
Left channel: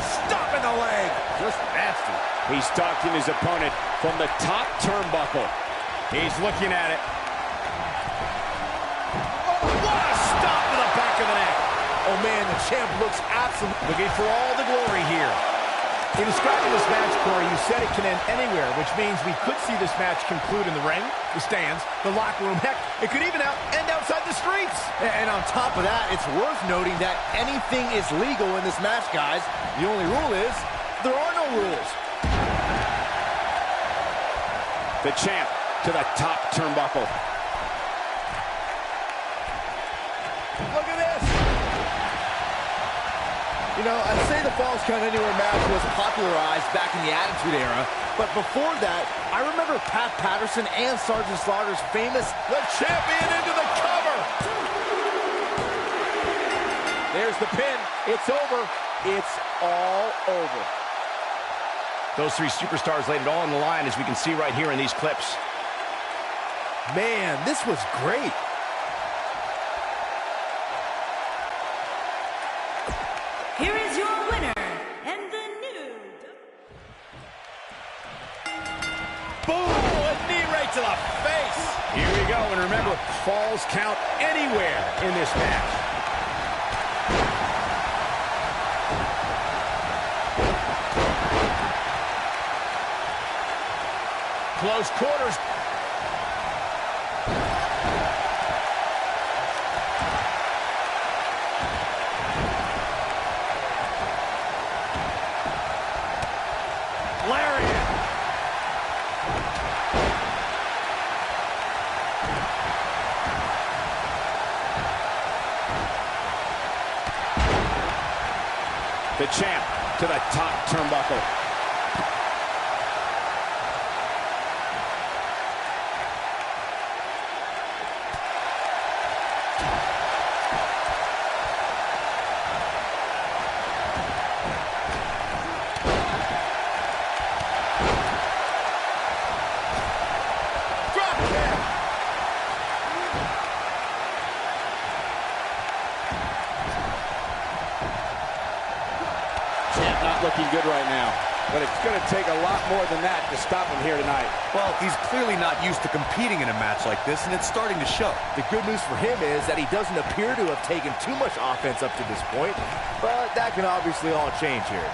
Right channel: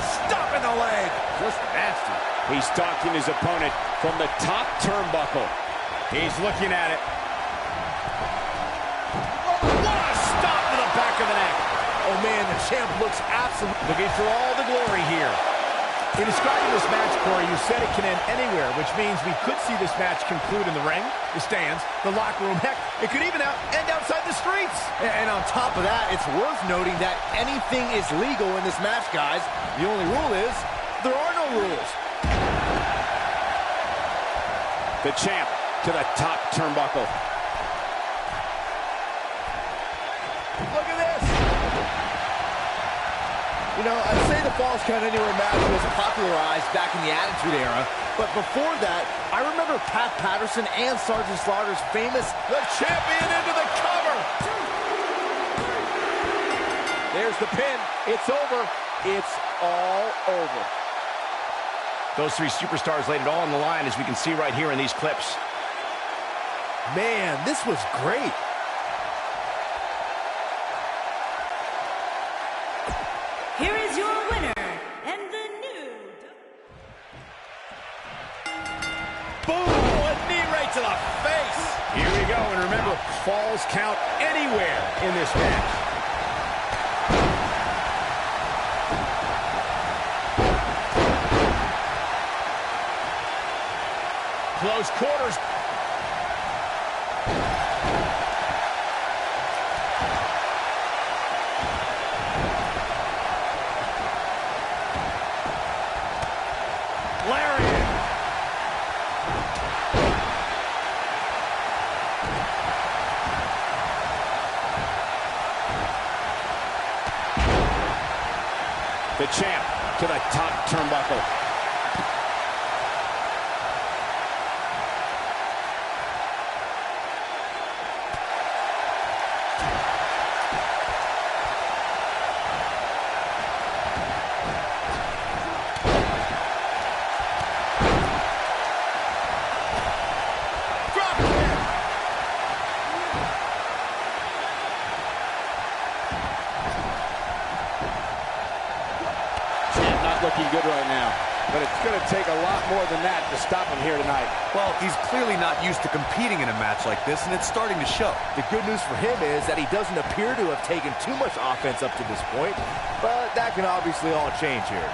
Stop in the leg. Just nasty. He's stalking his opponent from the top turnbuckle. He's looking at it. Oh, what a stop to the back of the neck. Oh, man, the champ looks absolutely... Looking for all the glory here. In describing this match, Corey, you said it can end anywhere, which means we could see this match conclude in the ring, the stands, the locker room. Heck, it could even end outside the streets. And on top of that, it's worth noting that anything is legal in this match, guys. The only rule is there are no rules. The champ to the top turnbuckle. Look at this. You know, I'd say the Falls Count Anywhere match was popularized back in the Attitude Era, but before that, I remember Pat Patterson and Sergeant Slaughter's famous The champion into the cover. There's the pin. It's over. It's all over. Those three superstars laid it all on the line, as we can see right here in these clips. Man, this was great. Here is your winner, and the new... Boom! A knee right to the face. Here we go, and remember, Falls count anywhere in this match. Close quarters. Lariat. The champ to the top turnbuckle. Looking good right now, but it's going to take a lot more than that to stop him here tonight. Well, he's clearly not used to competing in a match like this, and it's starting to show. The good news for him is that he doesn't appear to have taken too much offense up to this point, but that can obviously all change here.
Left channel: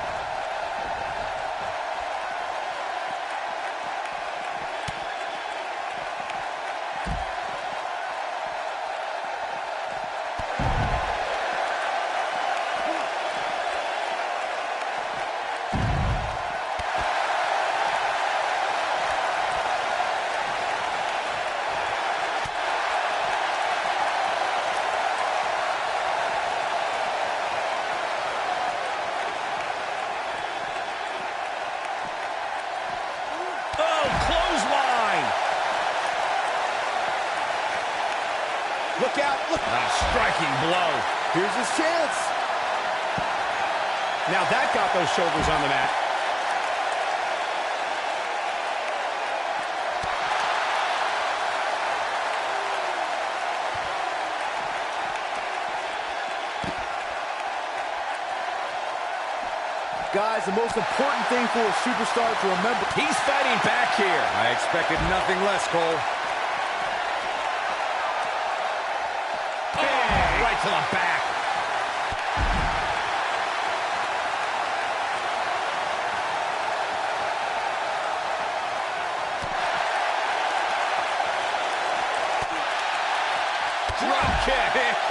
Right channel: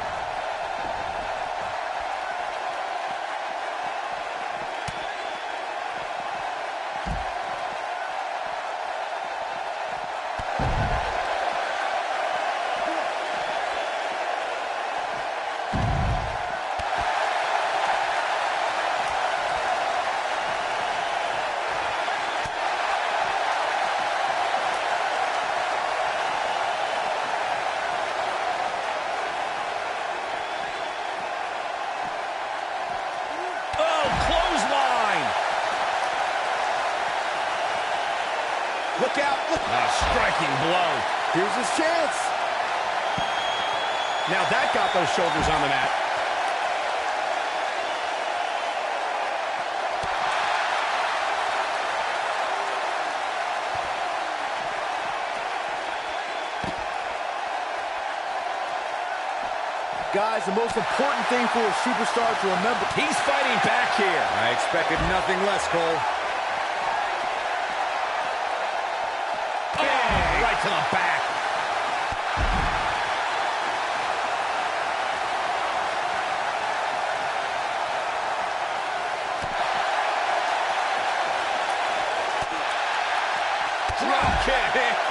Look out. Look. A striking blow. Here's his chance. Now that got those shoulders on the mat. Guys, the most important thing for a superstar to remember. He's fighting back here. I expected nothing less, Cole. Oh, right to the back. Drop kick.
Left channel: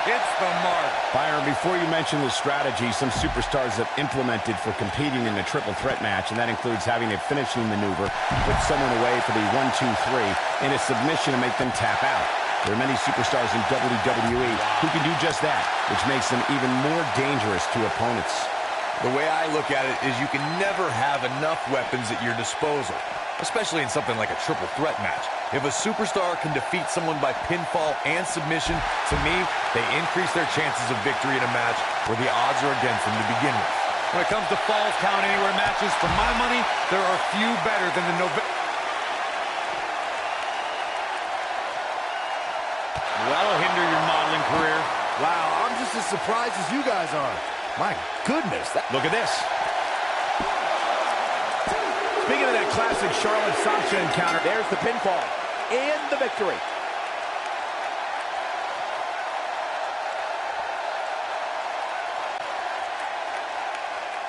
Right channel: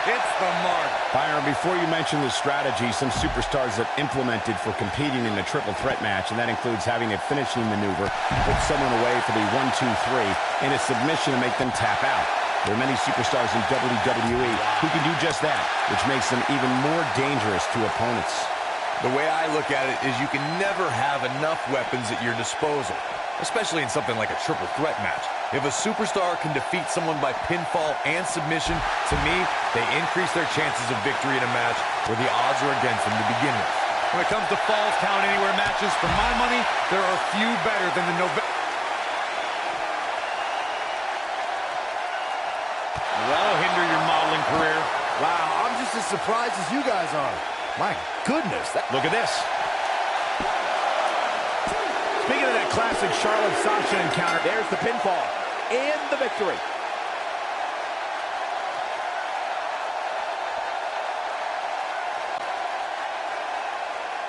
Hits the mark. Byron, before you mention the strategy some superstars have implemented for competing in a triple threat match, and that includes having a finishing maneuver, put someone away for the 1-2-3, and a submission to make them tap out. There are many superstars in WWE who can do just that, which makes them even more dangerous to opponents. The way I look at it is you can never have enough weapons at your disposal, especially in something like a triple threat match. If a superstar can defeat someone by pinfall and submission, to me, they increase their chances of victory in a match where the odds are against them to begin with. When it comes to Falls Count Anywhere matches, for my money, there are few better than the November. That'll hinder your modeling career. Wow, I'm just as surprised as you guys are. My goodness. Look at this. Speaking of that classic Charlotte-Sasha encounter, there's the pinfall and the victory.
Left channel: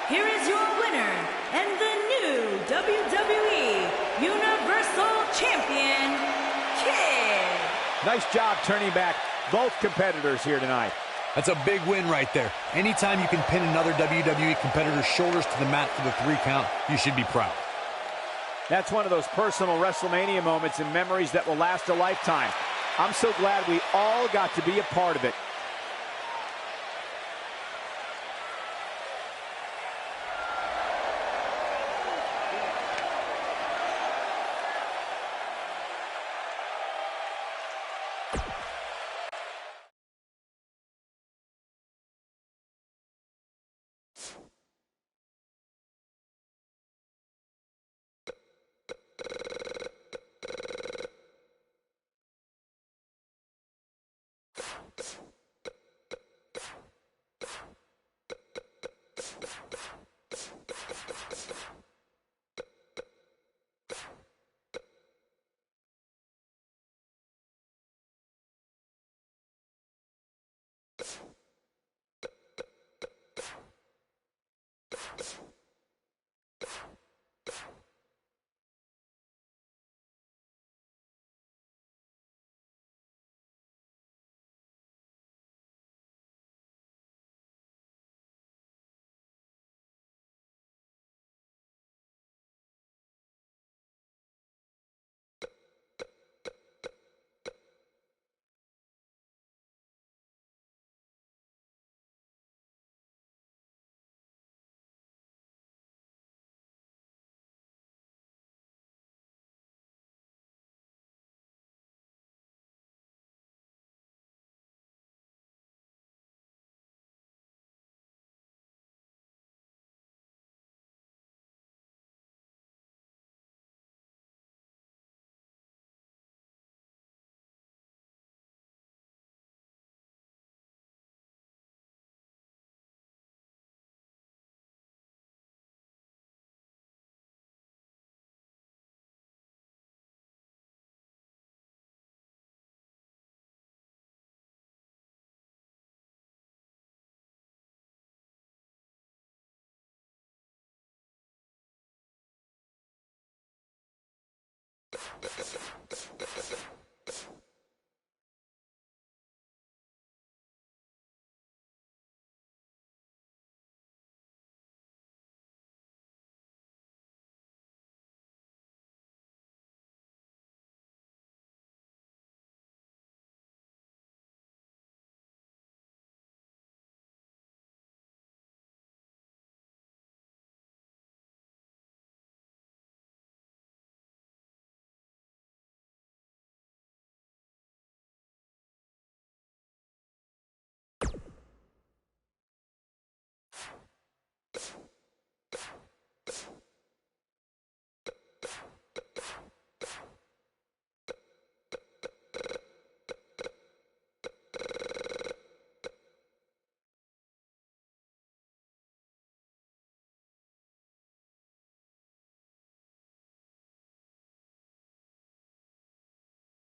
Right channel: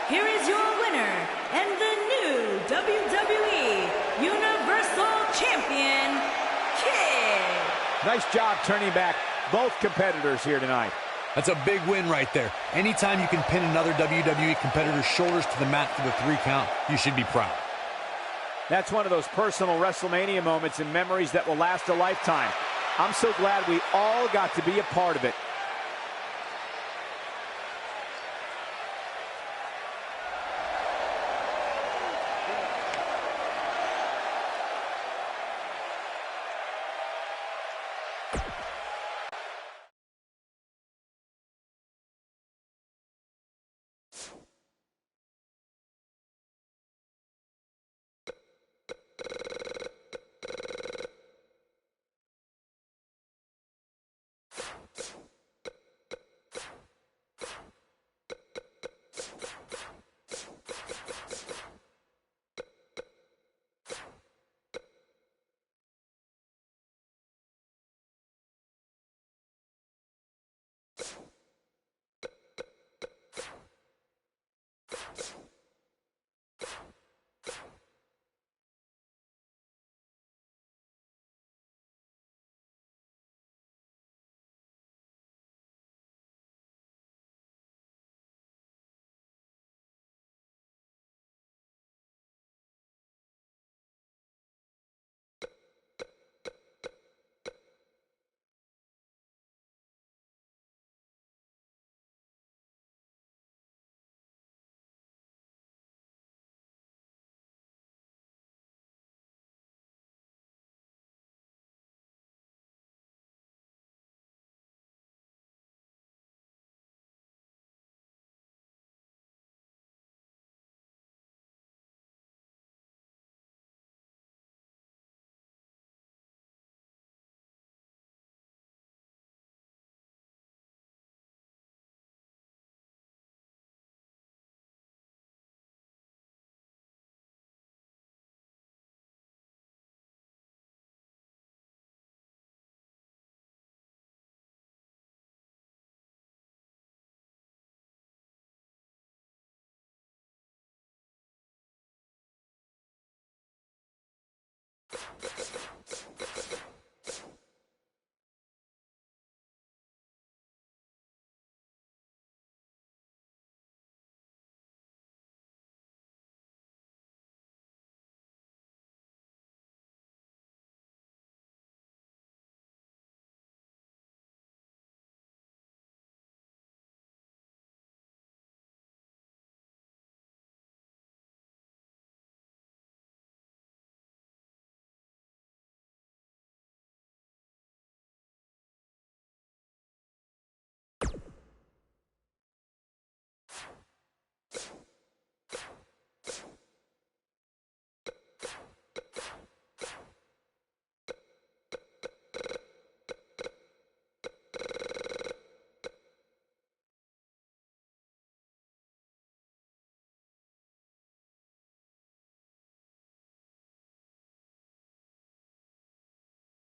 Here is your winner and the new WWE Universal Champion, Kid. Nice job turning back both competitors here tonight. That's a big win right there. Anytime you can pin another WWE competitor's shoulders to the mat for the 3 count, you should be proud. That's one of those personal WrestleMania moments and memories that will last a lifetime. I'm so glad we all got to be a part of it.